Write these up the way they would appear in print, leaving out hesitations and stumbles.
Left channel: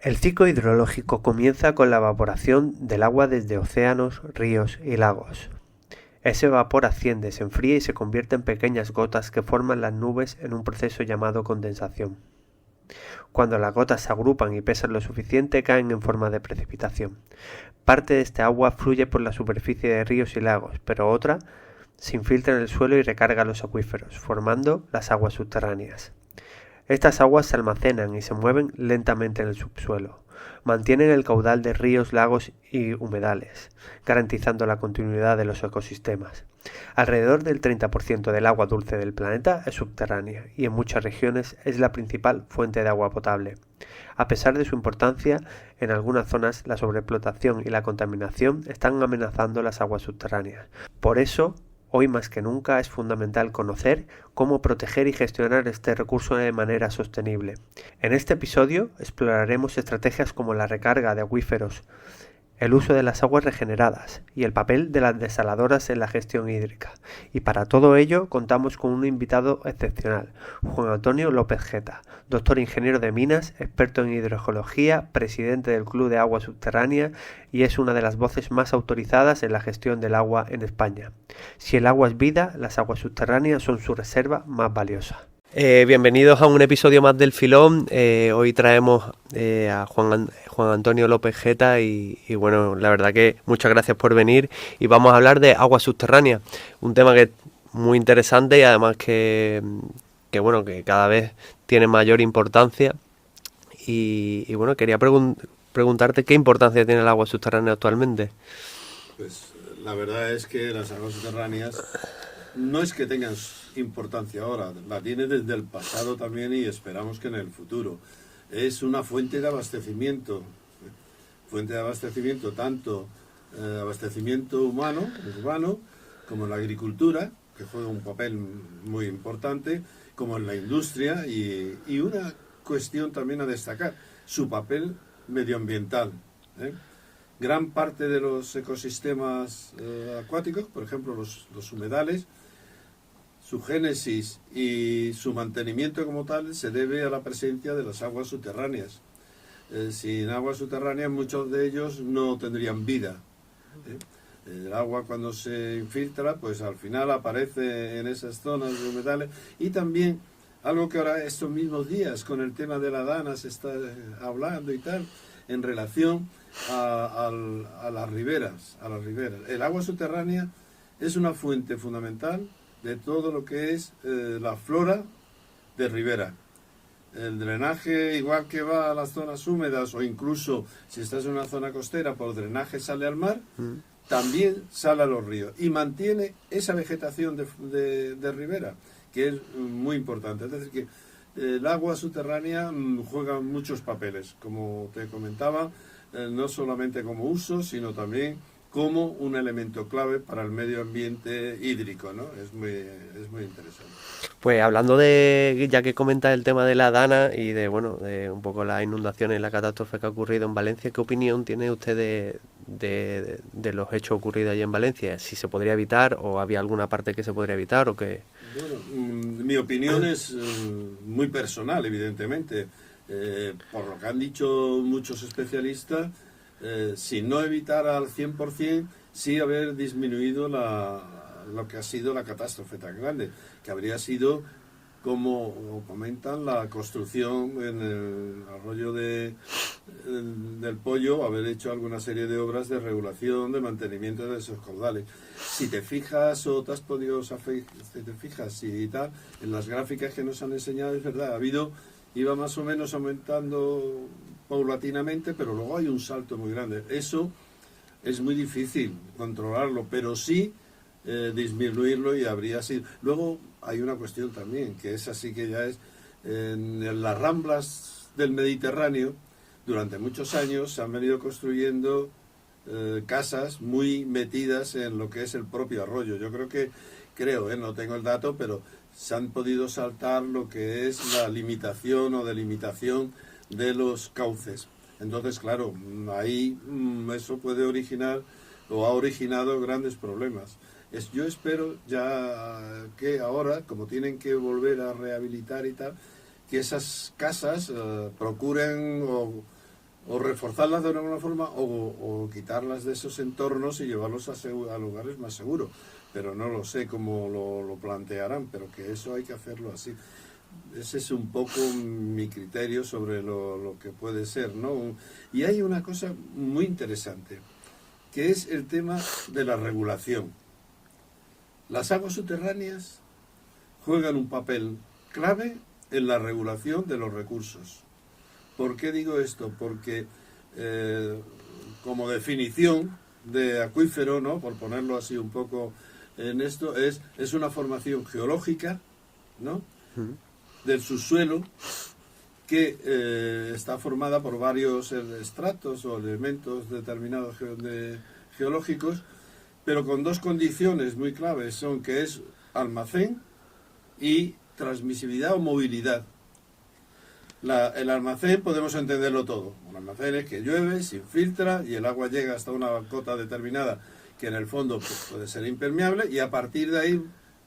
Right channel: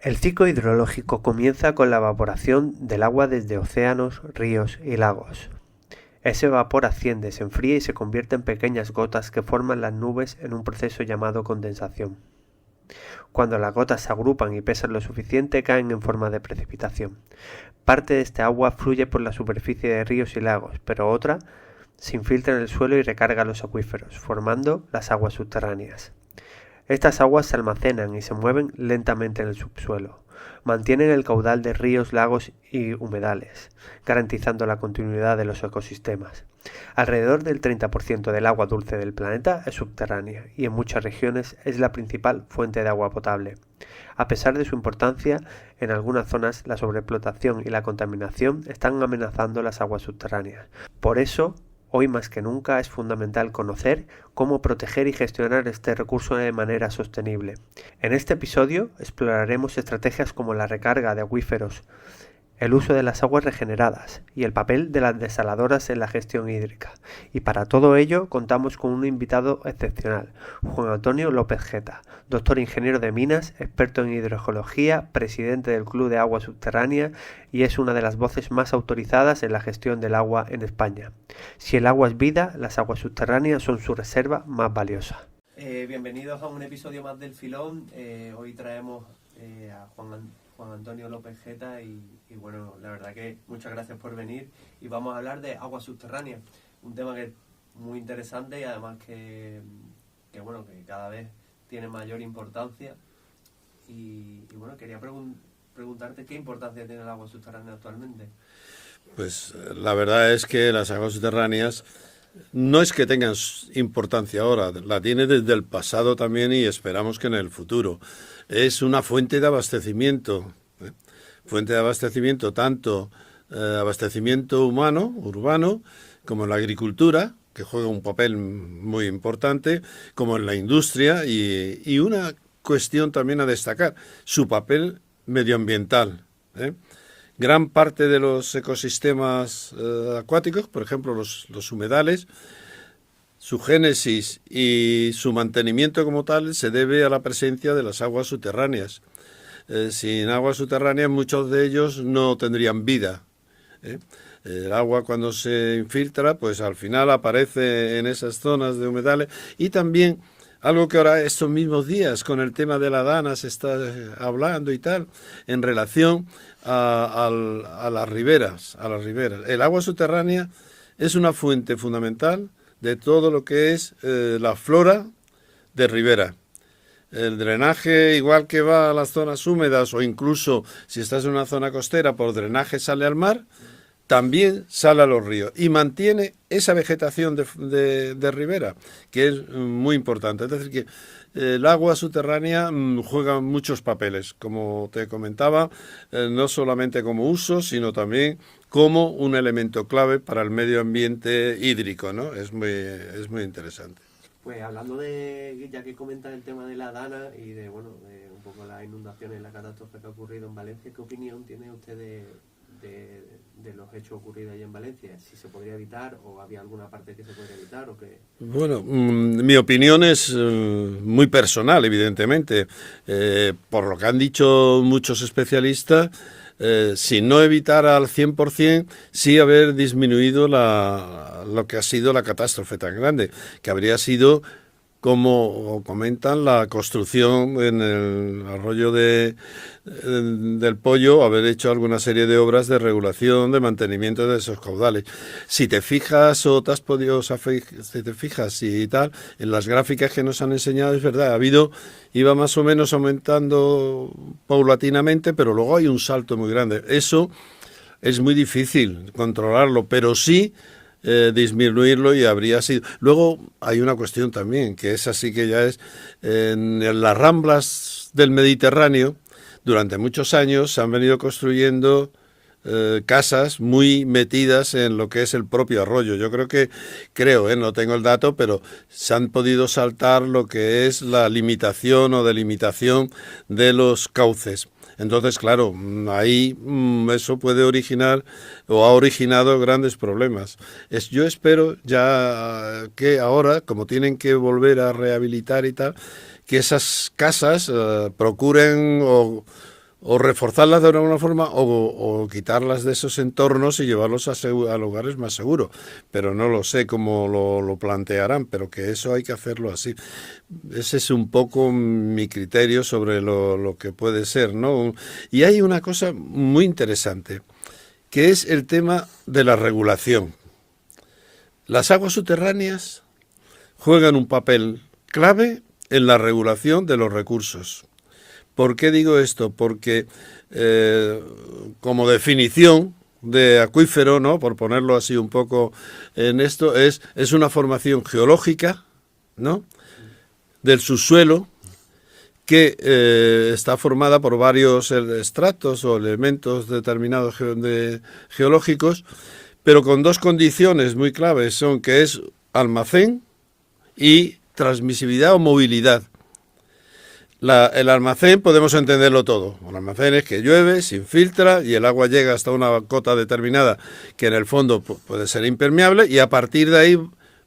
El ciclo hidrológico comienza con la evaporación del agua desde océanos, ríos y lagos. Ese vapor asciende, se enfría y se convierte en pequeñas gotas que forman las nubes en un proceso llamado condensación. Cuando las gotas se agrupan y pesan lo suficiente, caen en forma de precipitación. Parte de este agua fluye por la superficie de ríos y lagos, pero otra se infiltra en el suelo y recarga los acuíferos, formando las aguas subterráneas. Estas aguas se almacenan y se mueven lentamente en el subsuelo. Mantienen el caudal de ríos, lagos y humedales, garantizando la continuidad de los ecosistemas. Alrededor del 30% del agua dulce del planeta es subterránea y en muchas regiones es la principal fuente de agua potable. A pesar de su importancia, en algunas zonas la sobreexplotación y la contaminación están amenazando las aguas subterráneas. Por eso, hoy más que nunca es fundamental conocer cómo proteger y gestionar este recurso de manera sostenible. En este episodio exploraremos estrategias como la recarga de acuíferos, el uso de las aguas regeneradas y el papel de las desaladoras en la gestión hídrica. Y para todo ello contamos con un invitado excepcional, Juan Antonio López Geta, doctor ingeniero de minas, experto en hidrogeología, presidente del Club de Agua Subterránea y es una de las voces más autorizadas en la gestión del agua en España. Si el agua es vida, las aguas subterráneas son su reserva más valiosa. Bienvenidos a un episodio más del Filón. Hoy traemos a Juan Antonio López Geta y bueno, la verdad que muchas gracias por venir y vamos a hablar de aguas subterráneas, un tema que es muy interesante y además que bueno, que cada vez tiene mayor importancia y bueno, quería preguntarte qué importancia tiene el agua subterránea actualmente. Pues la verdad es que las aguas subterráneas no es que tengan importancia ahora, la tiene desde el pasado también y esperamos que en el futuro. Es una fuente de abastecimiento, ¿eh? Fuente de abastecimiento tanto abastecimiento humano, urbano, como en la agricultura, que juega un papel muy importante, como en la industria y una cuestión también a destacar, su papel medioambiental, ¿eh? Gran parte de los ecosistemas acuáticos, por ejemplo los humedales, su génesis y su mantenimiento como tal se debe a la presencia de las aguas subterráneas. Sin aguas subterráneas muchos de ellos no tendrían vida, ¿eh? El agua cuando se infiltra, pues al final aparece en esas zonas de humedales y también algo que ahora estos mismos días con el tema de la Dana se está hablando y tal, en relación a las riberas, a las riberas. El agua subterránea es una fuente fundamental de todo lo que es la flora de ribera. El drenaje, igual que va a las zonas húmedas o incluso si estás en una zona costera, por drenaje sale al mar, también sale a los ríos y mantiene esa vegetación de ribera, que es muy importante. Es decir, que el agua subterránea juega muchos papeles, como te comentaba, no solamente como uso, sino también como un elemento clave para el medio ambiente hídrico, ¿no? Es muy interesante. Pues hablando de, ya que comentas el tema de la Dana y de, bueno, de un poco las inundaciones y la catástrofe que ha ocurrido en Valencia, ¿qué opinión tiene usted de los hechos ocurridos allí en Valencia? ¿Si se podría evitar o había alguna parte que se podría evitar o qué? Bueno, mi opinión es muy personal, evidentemente. Por lo que han dicho muchos especialistas, si no evitar al 100%, sí haber disminuido lo que ha sido la catástrofe tan grande, que habría sido, como comentan, la construcción en el arroyo del Pollo, haber hecho alguna serie de obras de regulación, de mantenimiento de esos caudales. Si te fijas o te has podido, si te fijas y tal, en las gráficas que nos han enseñado, es verdad, iba más o menos aumentando paulatinamente, pero luego hay un salto muy grande. Eso es muy difícil controlarlo, pero sí disminuirlo y habría sido. Luego hay una cuestión también, que es así que ya es, en las ramblas del Mediterráneo, durante muchos años se han venido construyendo casas muy metidas en lo que es el propio arroyo. Yo creo, no tengo el dato, pero se han podido saltar lo que es la limitación o delimitación de los cauces. Entonces, claro, ahí eso puede originar o ha originado grandes problemas. Yo espero ya que ahora, como tienen que volver a rehabilitar y tal, que esas casas procuren o reforzarlas de alguna forma o quitarlas de esos entornos y llevarlos a lugares más seguros. Pero no lo sé cómo lo plantearán, pero que eso hay que hacerlo así. Ese es un poco mi criterio sobre lo que puede ser, ¿no? Y hay una cosa muy interesante, que es el tema de la regulación. Las aguas subterráneas juegan un papel clave en la regulación de los recursos. ¿Por qué digo esto? Porque como definición de acuífero, ¿no? Por ponerlo así un poco en esto, es una formación geológica, ¿no? Del subsuelo que está formada por varios estratos o elementos determinados geológicos, pero con dos condiciones muy claves, son que es almacén y transmisibilidad o movilidad. El almacén podemos entenderlo todo. Un almacén es que llueve, se infiltra y el agua llega hasta una cota determinada que en el fondo puede ser impermeable y a partir de ahí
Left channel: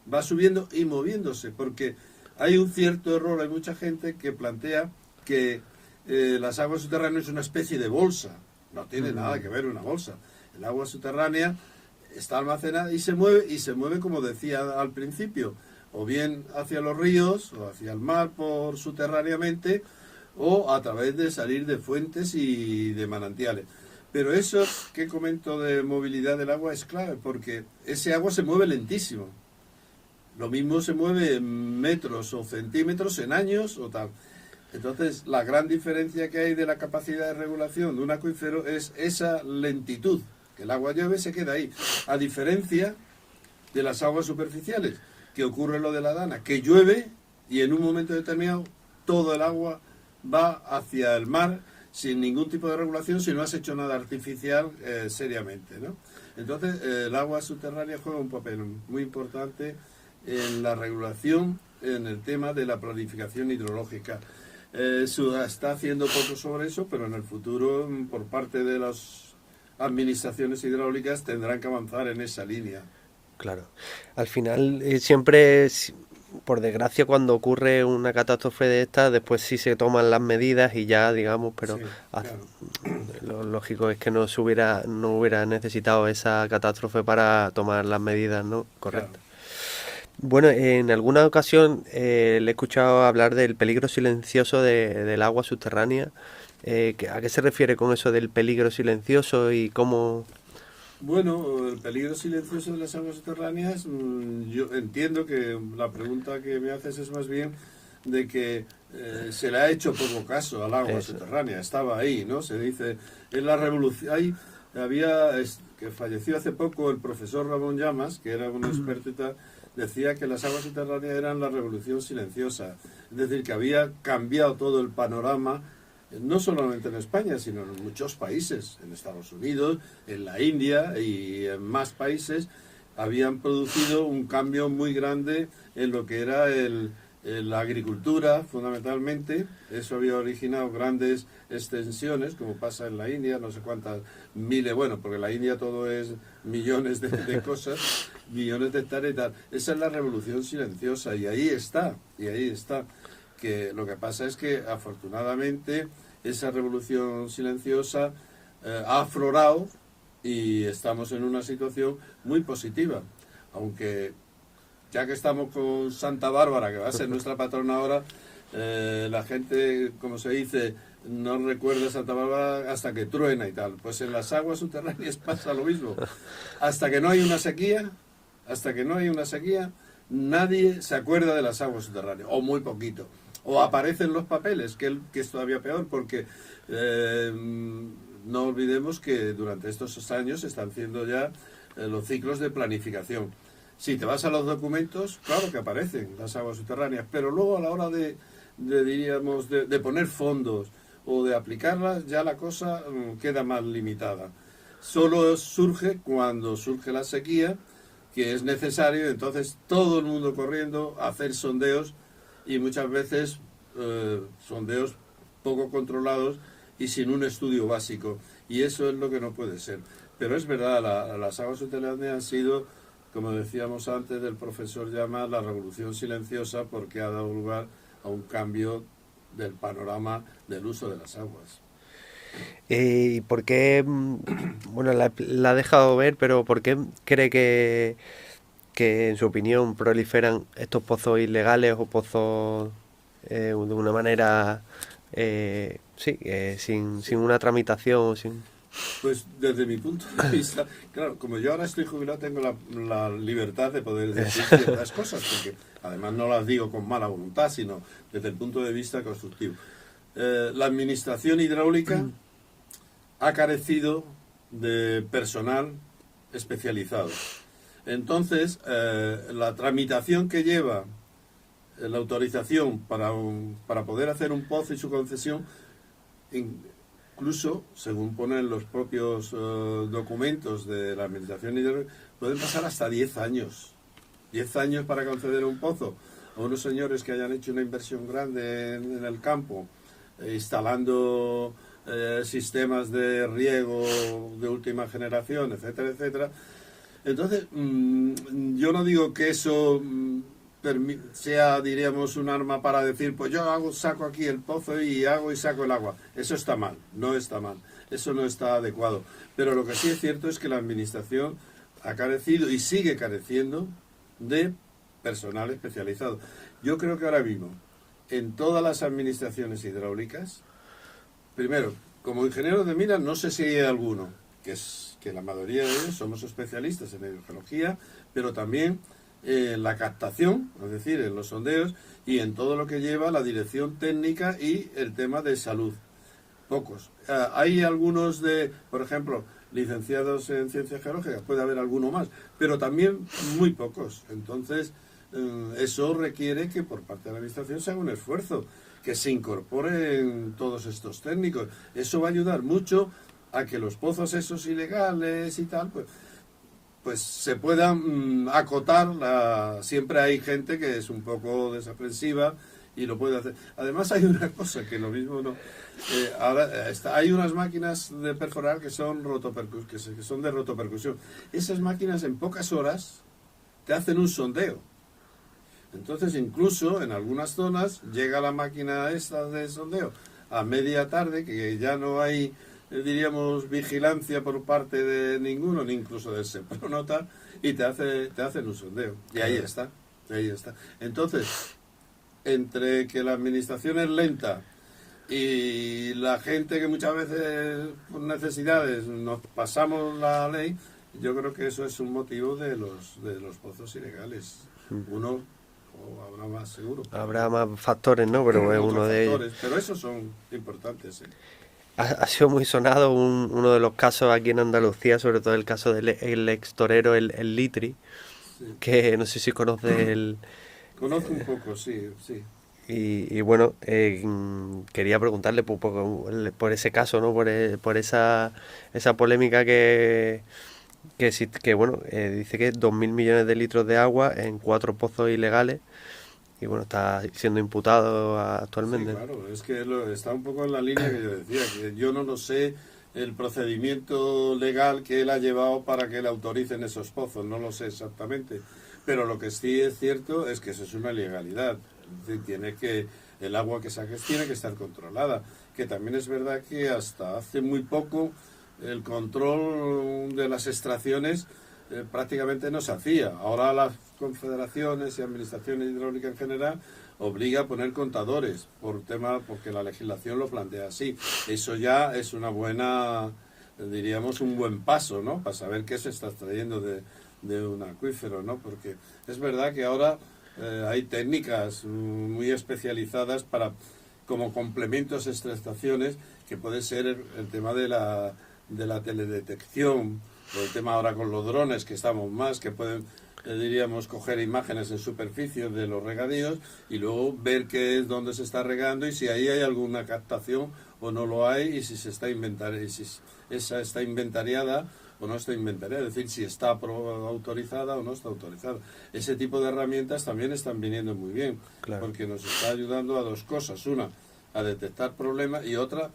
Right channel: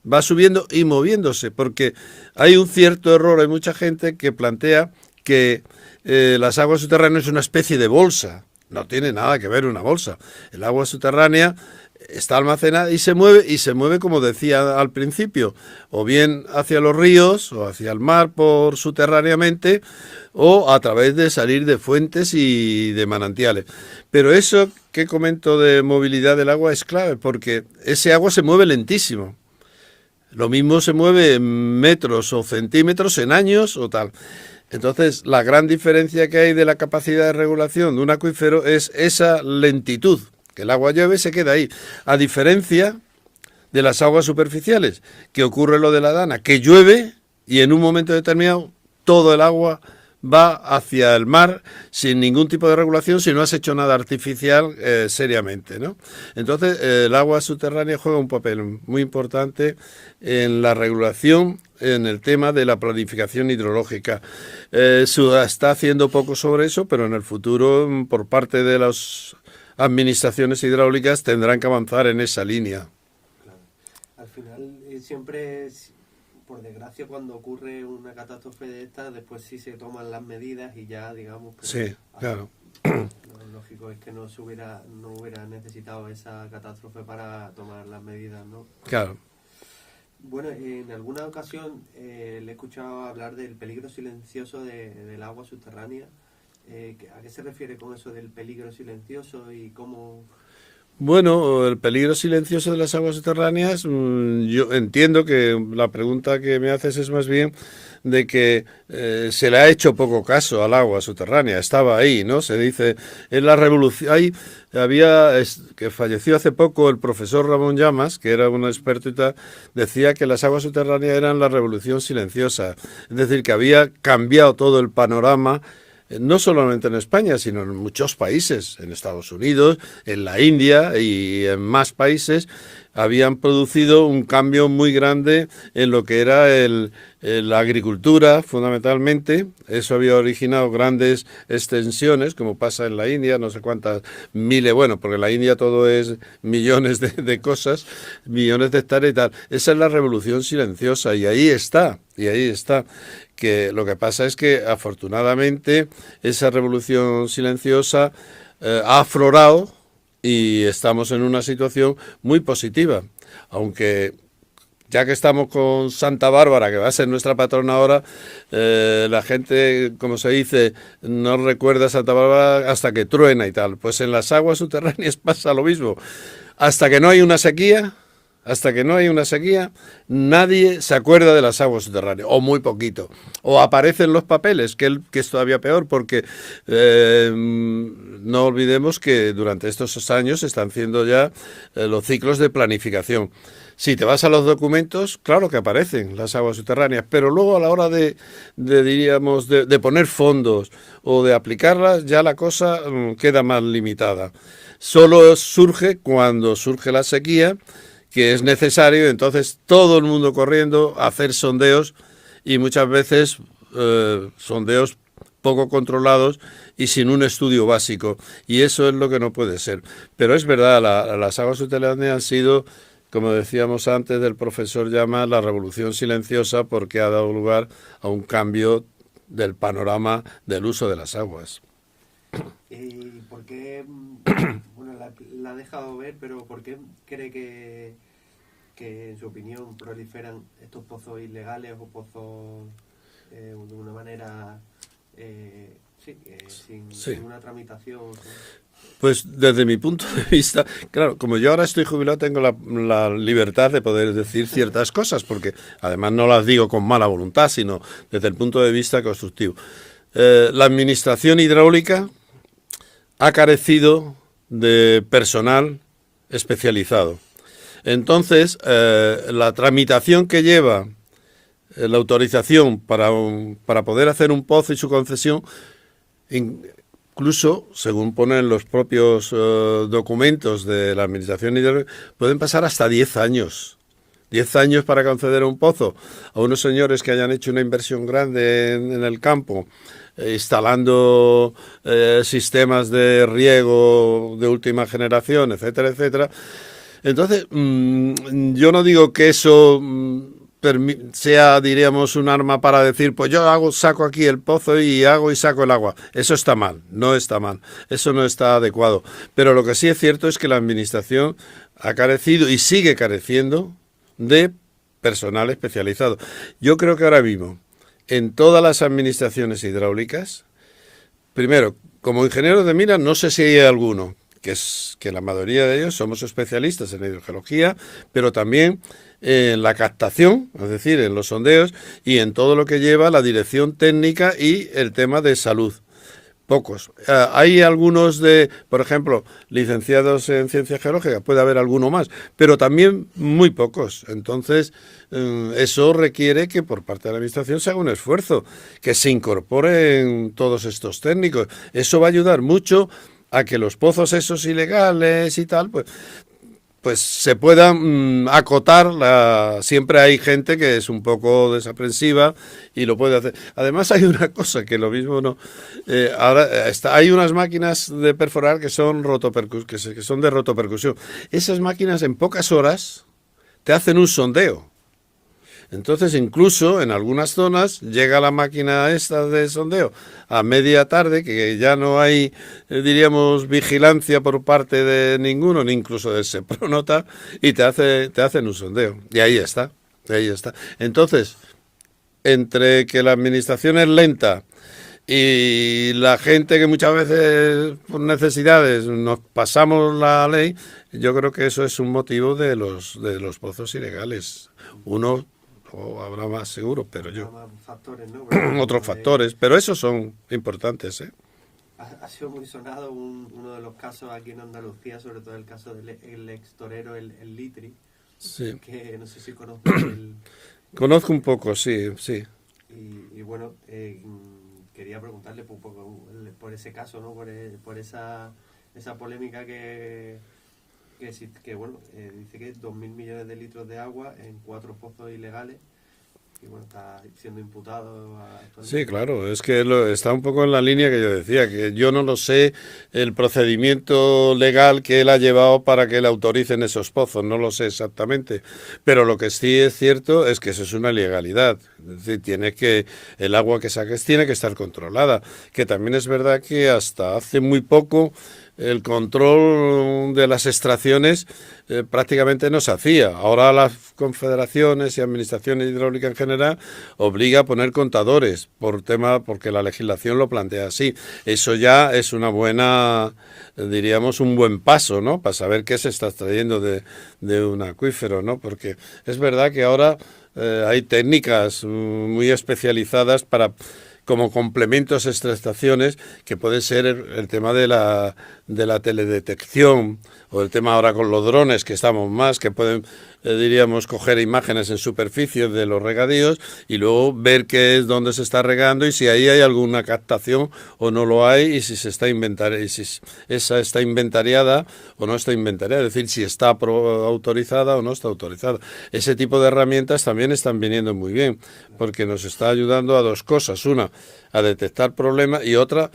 va subiendo y moviéndose, porque hay un cierto error, hay mucha gente que plantea que las aguas subterráneas es una especie de bolsa. No tiene nada que ver una bolsa. El agua subterránea está almacenada y se mueve como decía al principio, o bien hacia los ríos o hacia el mar por subterráneamente o a través de salir de fuentes y de manantiales. Pero eso que comento de movilidad del agua es clave porque ese agua se mueve lentísimo. Lo mismo se mueve en metros o centímetros en años o tal. Entonces, la gran diferencia que hay de la capacidad de regulación de un acuífero es esa lentitud. Que el agua llueve y se queda ahí. A diferencia de las aguas superficiales, que ocurre lo de la Dana, que llueve y en un momento determinado todo el agua va hacia el mar sin ningún tipo de regulación si no has hecho nada artificial seriamente, ¿no? Entonces, el agua subterránea juega un papel muy importante en la regulación, en el tema de la planificación hidrológica. Se está haciendo poco sobre eso, pero en el futuro, por parte de las administraciones hidráulicas tendrán que avanzar en esa línea. Claro. Al final, siempre, por desgracia, cuando ocurre una catástrofe de estas, después sí se toman las medidas y ya, digamos, pero sí, claro. Lo lógico es que no hubiera necesitado esa catástrofe para tomar las medidas, ¿no? Correcto. Claro. Bueno, en alguna ocasión le he escuchado hablar del peligro silencioso del agua subterránea. ¿A qué se refiere con eso del peligro silencioso y cómo...? Bueno, el peligro silencioso de las aguas subterráneas, yo entiendo que la pregunta que me haces es más bien de que se le ha hecho poco caso al agua subterránea, estaba ahí, ¿no? Se dice, en la revolución, que falleció hace poco el profesor Ramón Llamas, que era un experto y tal, decía que las aguas subterráneas eran la revolución silenciosa, es decir, que había cambiado todo el panorama, no solamente en España, sino en muchos países, en Estados Unidos, en la India y en más países, habían producido un cambio muy grande en lo que era la agricultura, fundamentalmente. Eso había originado grandes extensiones, como pasa en la India, no sé cuántas miles, bueno, porque en la India todo es millones de cosas, millones de hectáreas y tal. Esa es la revolución silenciosa y ahí está, que lo que pasa es que afortunadamente esa revolución silenciosa ha aflorado y estamos en una situación muy positiva, aunque ya que estamos con Santa Bárbara, que va a ser nuestra patrona ahora, la gente, como se dice, no recuerda a Santa Bárbara hasta que truena y tal. Pues en las aguas subterráneas pasa lo mismo. Hasta que no hay una sequía, nadie se acuerda de las aguas subterráneas, o muy poquito. O aparecen los papeles, que es todavía peor, porque no olvidemos que durante estos años se están haciendo ya los ciclos de planificación. Si te vas a los documentos, claro que aparecen las aguas subterráneas, pero luego a la hora de poner fondos o de aplicarlas, ya la cosa queda más limitada. Solo surge cuando surge la sequía, que es necesario, entonces todo el mundo corriendo a hacer sondeos y muchas veces sondeos poco controlados y sin un estudio básico. Y eso es lo que no puede ser. Pero es verdad, las aguas subterráneas han sido, como decíamos antes del profesor Llama, la revolución silenciosa porque ha dado lugar a un cambio del panorama del uso de las aguas. ¿Y por qué, bueno, la ha dejado ver, pero por qué cree que en su opinión proliferan estos pozos ilegales o pozos de una manera, sí, sin Sí. una tramitación, sin... Pues desde mi punto de vista, claro, como yo ahora estoy jubilado, tengo la libertad de poder decir ciertas cosas, porque además no las digo con mala voluntad, sino desde el punto de vista constructivo. La administración hidráulica ha carecido de personal especializado. Entonces, la tramitación que lleva la autorización para poder hacer un pozo y su concesión, incluso, según ponen los propios documentos de la Administración Hidráulica, pueden pasar hasta 10 años. 10 años para conceder un pozo a unos señores que hayan hecho una inversión grande en el campo, instalando sistemas de riego de última generación, etcétera, etcétera. Entonces, yo no digo que eso sea, diríamos, un arma para decir, pues yo saco aquí el pozo y hago y saco el agua. Eso está mal, no está mal, eso no está adecuado. Pero lo que sí es cierto es que la Administración ha carecido y sigue careciendo de personal especializado. Yo creo que ahora mismo, en todas las administraciones hidráulicas, primero, como ingenieros de minas, no sé si hay alguno, que la mayoría de ellos somos especialistas en hidrogeología, pero también en la captación, es decir, en los sondeos y en todo lo que lleva la dirección técnica y el tema de salud. Pocos. Hay algunos por ejemplo, licenciados en ciencias geológicas, puede haber alguno más, pero también muy pocos. Entonces, eso requiere que por parte de la Administración se haga un esfuerzo, que se incorporen todos estos técnicos. Eso va a ayudar mucho a que los pozos esos ilegales y tal, pues se puedan acotar. Siempre hay gente que es un poco desaprensiva y lo puede hacer. Además hay una cosa que lo mismo no... ahora hay unas máquinas de perforar que son que son de rotopercusión. Esas máquinas en pocas horas te hacen un sondeo. Entonces, incluso en algunas zonas llega la máquina esta de sondeo a media tarde, que ya no hay, diríamos, vigilancia por parte de ninguno, ni incluso de Sepronota, y te hacen un sondeo. Y ahí está, ahí está. Entonces, entre que la administración es lenta y la gente que muchas veces por necesidades nos pasamos la ley, yo creo que eso es un motivo de los pozos ilegales. Uno, o habrá más seguro, pero Habrá más factores, ¿no? Pero no es otros uno de ellos. factores, pero esos son importantes, ¿eh? Ha sido muy sonado uno de los casos aquí en Andalucía, sobre todo el caso del el ex torero, el Litri, Sí. que no sé si conoce el... Conozco un poco, sí, sí. Y bueno, quería preguntarle por ese caso, ¿no? Por esa polémica que bueno, dice que 2.000 millones de litros de agua en 4 pozos ilegales y bueno, está siendo imputado Sí, actualmente. claro, es que está un poco en la línea que yo decía, que yo no lo sé el procedimiento legal que él ha llevado para que le autoricen esos pozos, no lo sé exactamente, pero lo que sí es cierto es que eso es una ilegalidad, es decir, el agua que saques tiene que estar controlada, que también es verdad que hasta hace muy poco el control de las extracciones prácticamente no se hacía. Ahora las confederaciones y administraciones hidráulicas en general obliga a poner contadores porque la legislación lo plantea así. Eso ya es una buena, diríamos, un buen paso, ¿no? Para saber qué se está extrayendo de un acuífero, ¿no? Porque es verdad que ahora hay técnicas muy especializadas como complementos a extracciones, que puede ser el tema de la teledetección, o el tema ahora con los drones, que estamos más, que pueden, diríamos, coger imágenes en superficie de los regadíos y luego ver qué es, dónde se está regando y si ahí hay alguna captación o no lo hay, y si esa está inventariada o no está inventariada, es decir, si está autorizada o no está autorizada. Ese tipo de herramientas también están viniendo muy bien, Claro. porque nos está ayudando a dos cosas. Una, a detectar problemas, y otra,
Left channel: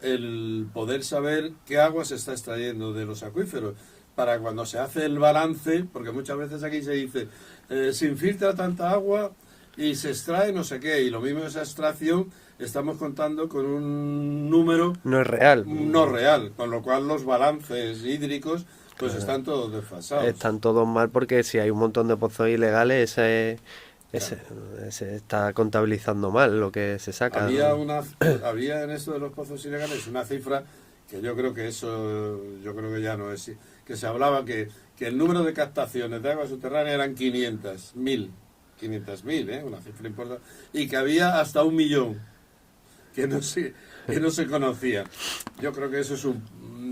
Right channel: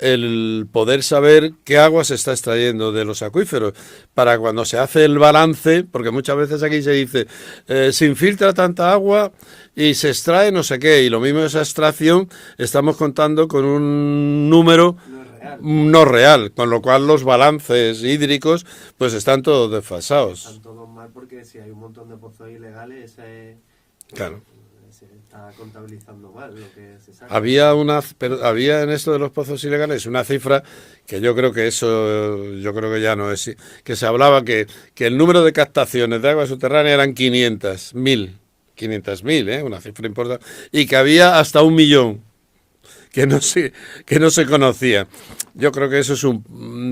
el poder saber qué agua se está extrayendo de los acuíferos, para cuando se hace el balance, porque muchas veces aquí se dice, se infiltra tanta agua y se extrae no sé qué, y lo mismo esa extracción, estamos contando con un número No es real. no real, con lo cual los balances hídricos pues están todos desfasados. Están todos mal porque si hay un montón de pozos ilegales, ese, Claro. se está contabilizando mal lo que se saca. Había había en esto de los pozos ilegales una cifra que yo creo que eso, yo creo que ya no es, que se hablaba que el número de captaciones de agua subterránea eran 500.000, una cifra importante, y que había hasta 1 millón que no se conocía. Yo creo que eso es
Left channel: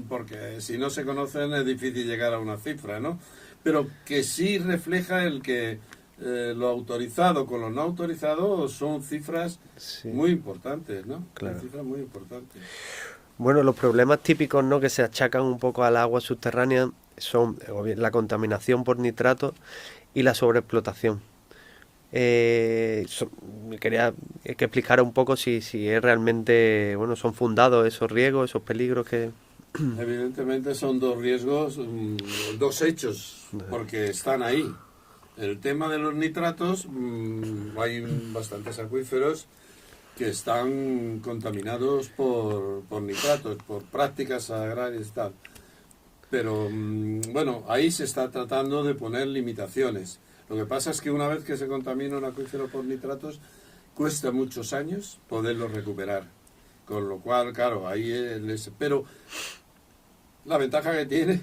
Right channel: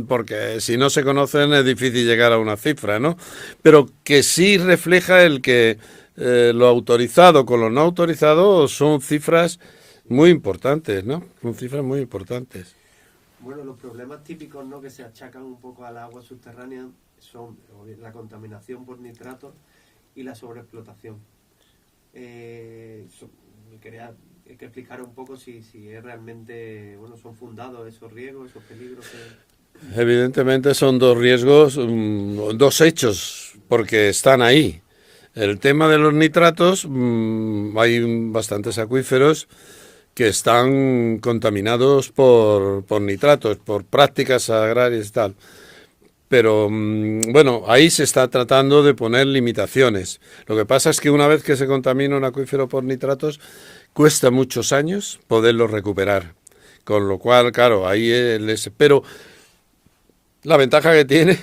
porque si no se conocen es difícil llegar a una cifra, ¿no? Pero que sí refleja el que lo autorizado con lo no autorizado son cifras Sí, muy importantes, ¿no? Son claro. cifras muy importantes. Bueno, los problemas típicos, ¿no?, que se achacan un poco al agua subterránea son o bien la contaminación por nitratos y la sobreexplotación. Me quería que explicara un poco si es realmente, bueno, son fundados esos riesgos, esos peligros que... Evidentemente son dos riesgos, dos hechos, porque están ahí. El tema de los nitratos, hay bastantes acuíferos que están contaminados por nitratos, por prácticas agrarias y tal. Pero bueno, ahí se está tratando de poner limitaciones. Lo que pasa es que una vez que se contamina un acuífero por nitratos, cuesta muchos años poderlo recuperar. Con lo cual, claro, ahí pero la ventaja que tiene,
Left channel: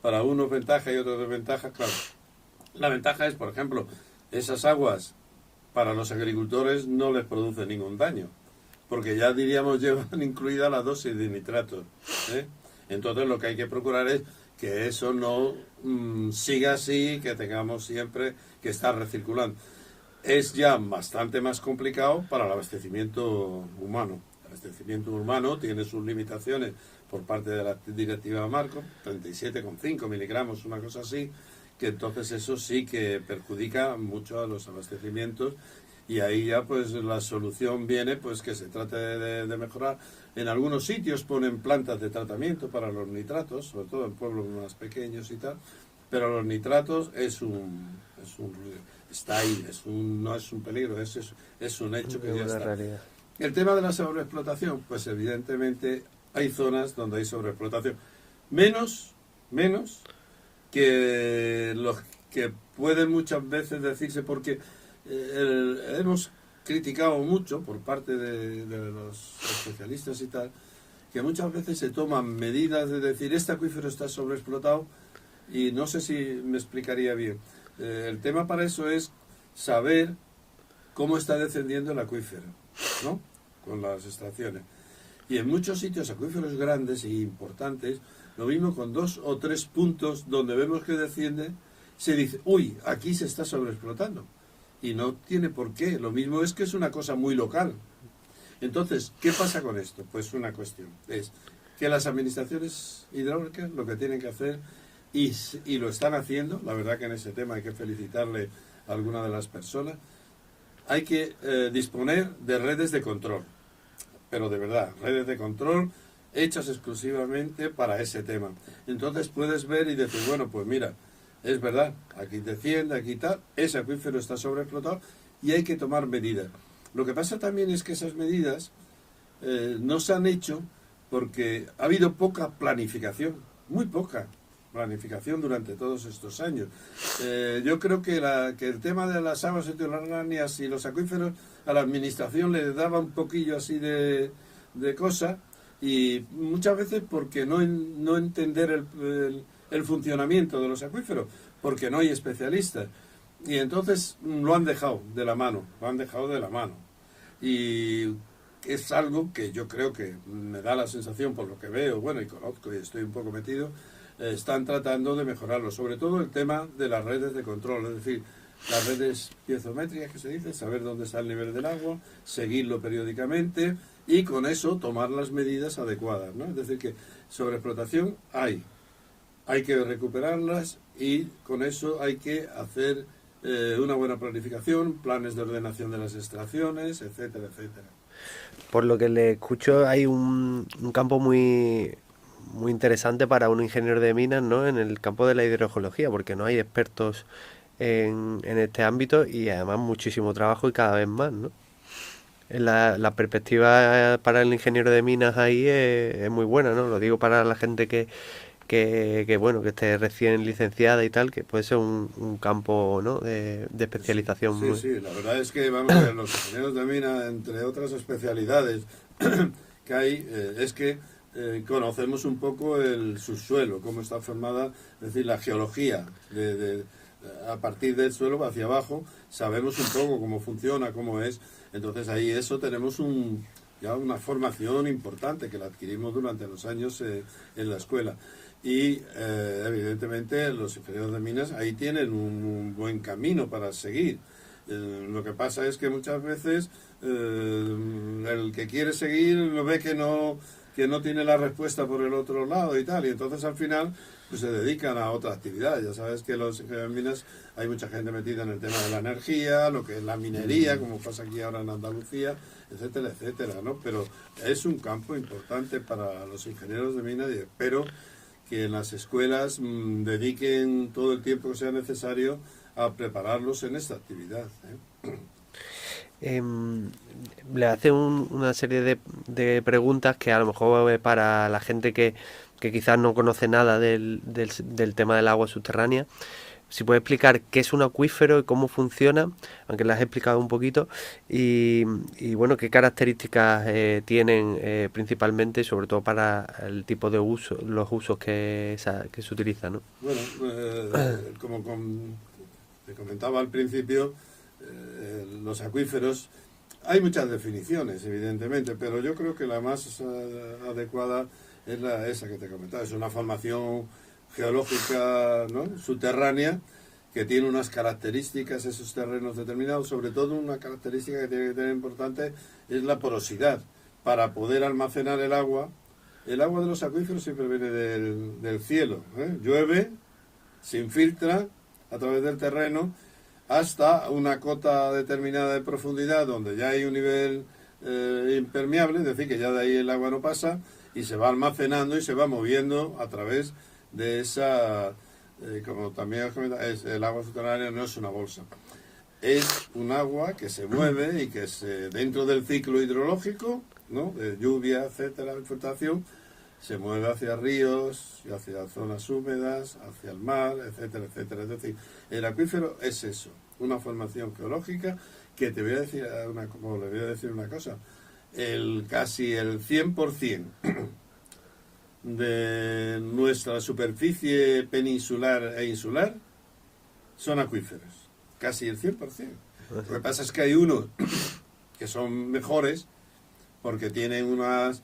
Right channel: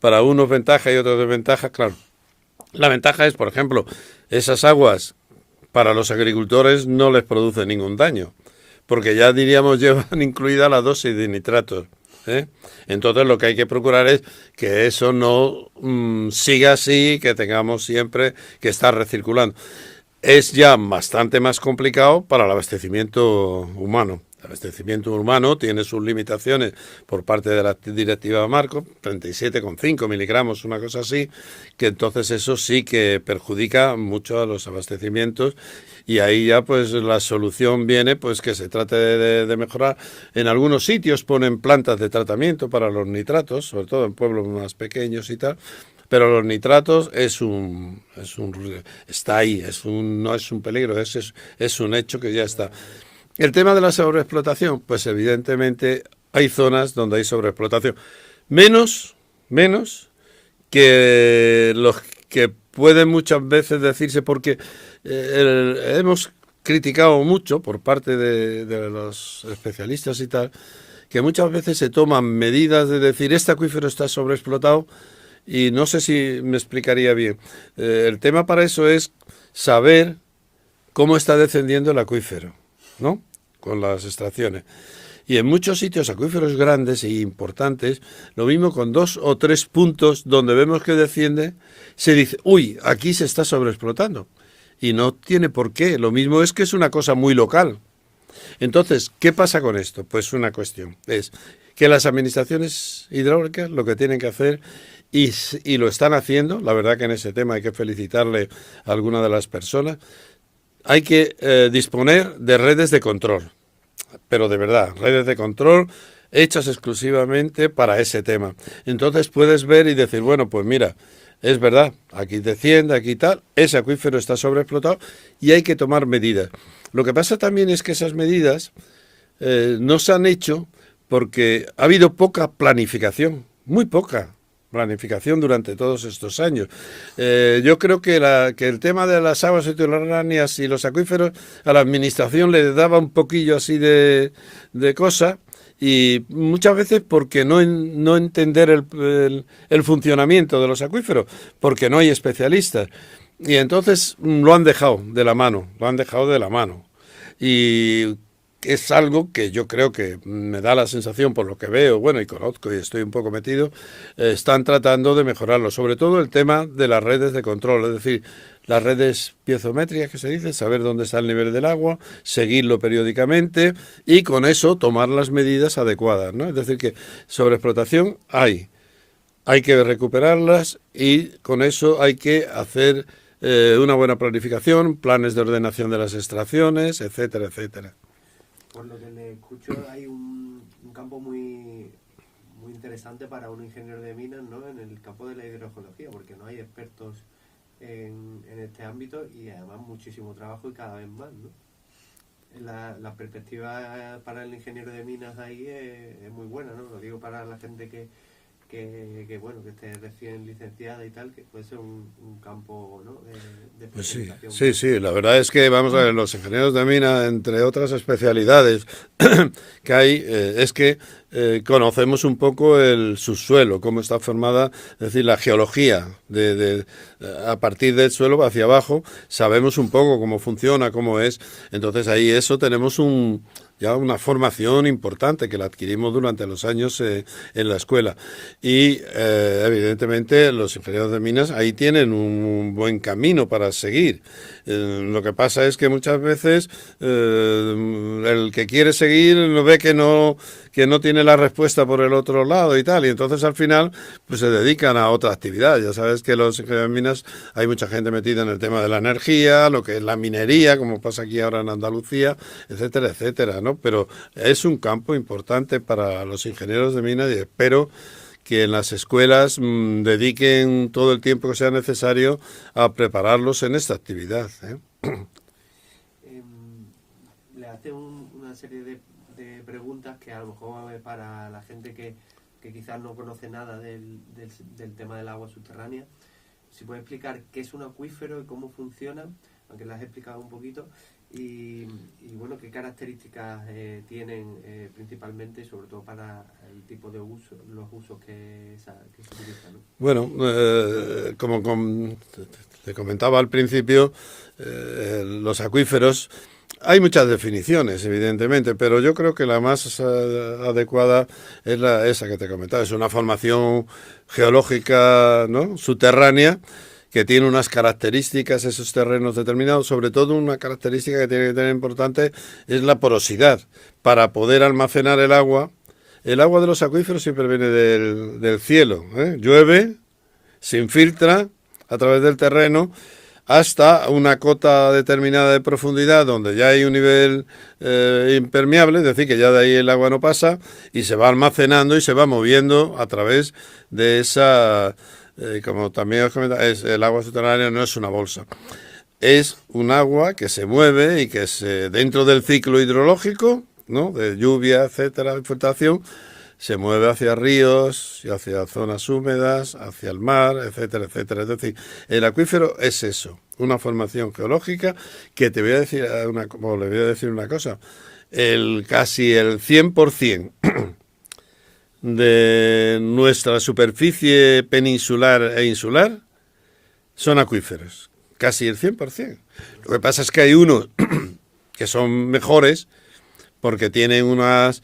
para unos ventaja y otros desventaja, claro. La ventaja es, por ejemplo, esas aguas para los agricultores no les produce ningún daño, porque ya diríamos llevan incluida la dosis de nitratos, ¿eh? Entonces lo que hay que procurar es que eso no siga así, que tengamos siempre que estar recirculando. Es ya bastante más complicado para el abastecimiento humano. El abastecimiento humano tiene sus limitaciones por parte de la directiva Marco, 37,5 miligramos, una cosa así, que entonces eso sí que perjudica mucho a los abastecimientos y ahí ya pues la solución viene pues que se trate de mejorar. En algunos sitios ponen plantas de tratamiento para los nitratos, sobre todo en pueblos más pequeños y tal, pero los nitratos está ahí, no es un peligro, es un hecho que ya Una está. realidad. El tema de la sobreexplotación, pues evidentemente hay zonas donde hay sobreexplotación. Menos que los que pueden muchas veces decirse, porque hemos criticado mucho por parte de los especialistas y tal, que muchas veces se toman medidas de decir este acuífero está sobreexplotado y no sé si me explicaría bien. El tema para eso es saber cómo está descendiendo el acuífero, ¿no? Con las extracciones. Y en muchos sitios, acuíferos grandes e importantes, lo mismo con 2 o 3 puntos donde vemos que desciende, se dice, uy, aquí se está sobreexplotando. Y no tiene por qué. Lo mismo es que es una cosa muy local. Entonces, ¿qué pasa con esto? Pues una cuestión. Es que las administraciones hidráulicas lo que tienen que hacer, y lo están haciendo, la verdad que en ese tema hay que felicitarle a alguna de las personas, hay que disponer de redes de control. Pero de verdad, redes de control hechas exclusivamente para ese tema. Entonces puedes ver y decir, bueno, pues mira, es verdad, aquí desciende, aquí tal, ese acuífero está sobreexplotado y hay que tomar medidas. Lo que pasa también es que esas medidas no se han hecho porque ha habido poca planificación, muy poca planificación durante todos estos años. Yo creo que el tema de las aguas subterráneas y los acuíferos a la administración le daba un poquillo así de cosa, y muchas veces porque no entender el funcionamiento de los acuíferos, porque no hay especialistas. Y entonces lo han dejado de la mano, lo han dejado de la mano. Y es algo que yo creo que me da la sensación, por lo que veo, bueno, y conozco y estoy un poco metido, están tratando de mejorarlo, sobre todo el tema de las redes de control, es decir, las redes piezométricas que se dice, saber dónde está el nivel del agua, seguirlo periódicamente y con eso tomar las medidas adecuadas, ¿no? Es decir, que sobreexplotación hay que recuperarlas y con eso hay que hacer una buena planificación, planes de ordenación de las extracciones, etcétera, etcétera. Por lo que le escucho, hay un campo muy interesante para un ingeniero de minas, ¿no? En el campo de la hidrogeología, porque no hay expertos en este ámbito y además muchísimo trabajo y cada vez más, ¿no? La perspectiva para el ingeniero de minas ahí es muy buena, ¿no? Lo digo para la gente bueno, que esté recién licenciada y tal, que puede ser un campo, ¿no? de Sí, especialización sí, muy... sí, la verdad es que, vamos a ver, los ingenieros de mina, entre otras especialidades que hay, es que conocemos un poco el subsuelo, cómo está formada, es decir, la geología, a partir del suelo hacia abajo, sabemos un poco cómo funciona, cómo es, entonces ahí eso tenemos ya una formación importante que la adquirimos durante los años en la escuela. Y evidentemente los ingenieros de minas ahí tienen un buen camino para seguir. Lo que pasa es que muchas veces el que quiere seguir no ve que no tiene la respuesta por el otro lado y tal, y entonces al final pues se dedican a otra actividad. Ya sabes que los ingenieros de minas hay mucha gente metida en el tema de la energía, lo que es la minería, como pasa aquí ahora en Andalucía, etcétera, etcétera, ¿no? Pero es un campo importante para los ingenieros de minas y espero que en las escuelas dediquen todo el tiempo que sea necesario a prepararlos en esta actividad, ¿eh? Em, Le hace una serie de preguntas que a lo mejor para la gente que quizás no conoce nada del tema del agua subterránea, si puede explicar qué es un acuífero y cómo funciona, aunque lo has explicado un poquito, y bueno, qué características tienen principalmente, sobre todo para el tipo de uso, los usos que se utilizan, ¿no? Bueno, te comentaba al principio, los acuíferos, hay muchas definiciones, evidentemente, pero yo creo que la más adecuada es esa que te comentaba. Es una formación geológica, ¿no?, subterránea que tiene unas características, esos terrenos determinados. Sobre todo una característica que tiene que tener importante es la porosidad. Para poder almacenar el agua de los acuíferos siempre viene del cielo, ¿eh? Llueve, se infiltra a través del terreno hasta una cota determinada de profundidad donde ya hay un nivel impermeable, es decir, que ya de ahí el agua no pasa y se va almacenando y se va moviendo a través de esa, como también os comentaba, el agua subterránea no es una bolsa. Es un agua que se mueve y que dentro del ciclo hidrológico, ¿no?, de lluvia, etcétera, infiltración, se mueve hacia ríos, y hacia zonas húmedas, hacia el mar, etcétera, etcétera. Es decir, el acuífero es eso, una formación geológica que te voy a decir le voy a decir una cosa. Casi el 100% de nuestra superficie peninsular e insular son acuíferos. Casi el 100%. Lo que pasa es que hay unos que son mejores porque tienen unos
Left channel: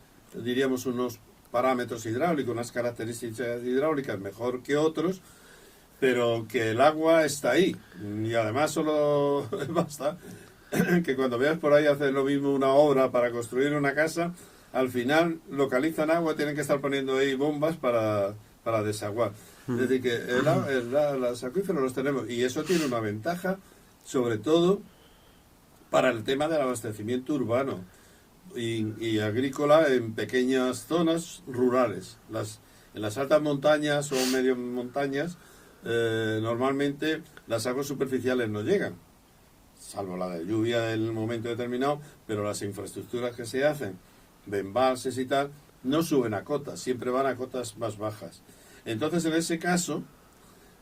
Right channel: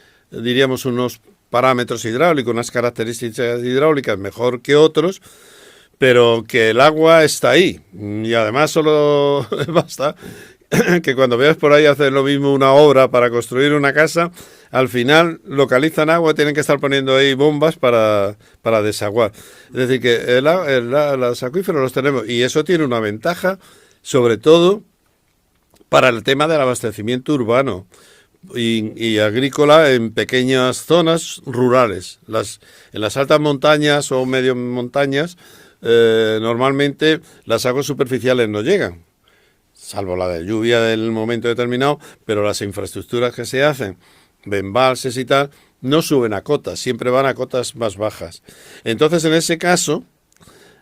parámetros hidráulicos, unas características hidráulicas mejor que otros, pero que el agua está ahí. Y además solo basta que cuando veas por ahí hacer lo mismo una obra para construir una casa, al final localizan agua y tienen que estar poniendo ahí bombas para desaguar. Es decir, que los acuíferos los tenemos y eso tiene una ventaja, sobre todo para el tema del abastecimiento urbano y agrícola en pequeñas zonas rurales. En las altas montañas o medio montañas, normalmente las aguas superficiales no llegan, salvo la de lluvia del momento determinado, pero las infraestructuras que se hacen, de embalses y tal, no suben a cotas, siempre van a cotas más bajas. Entonces, en ese caso,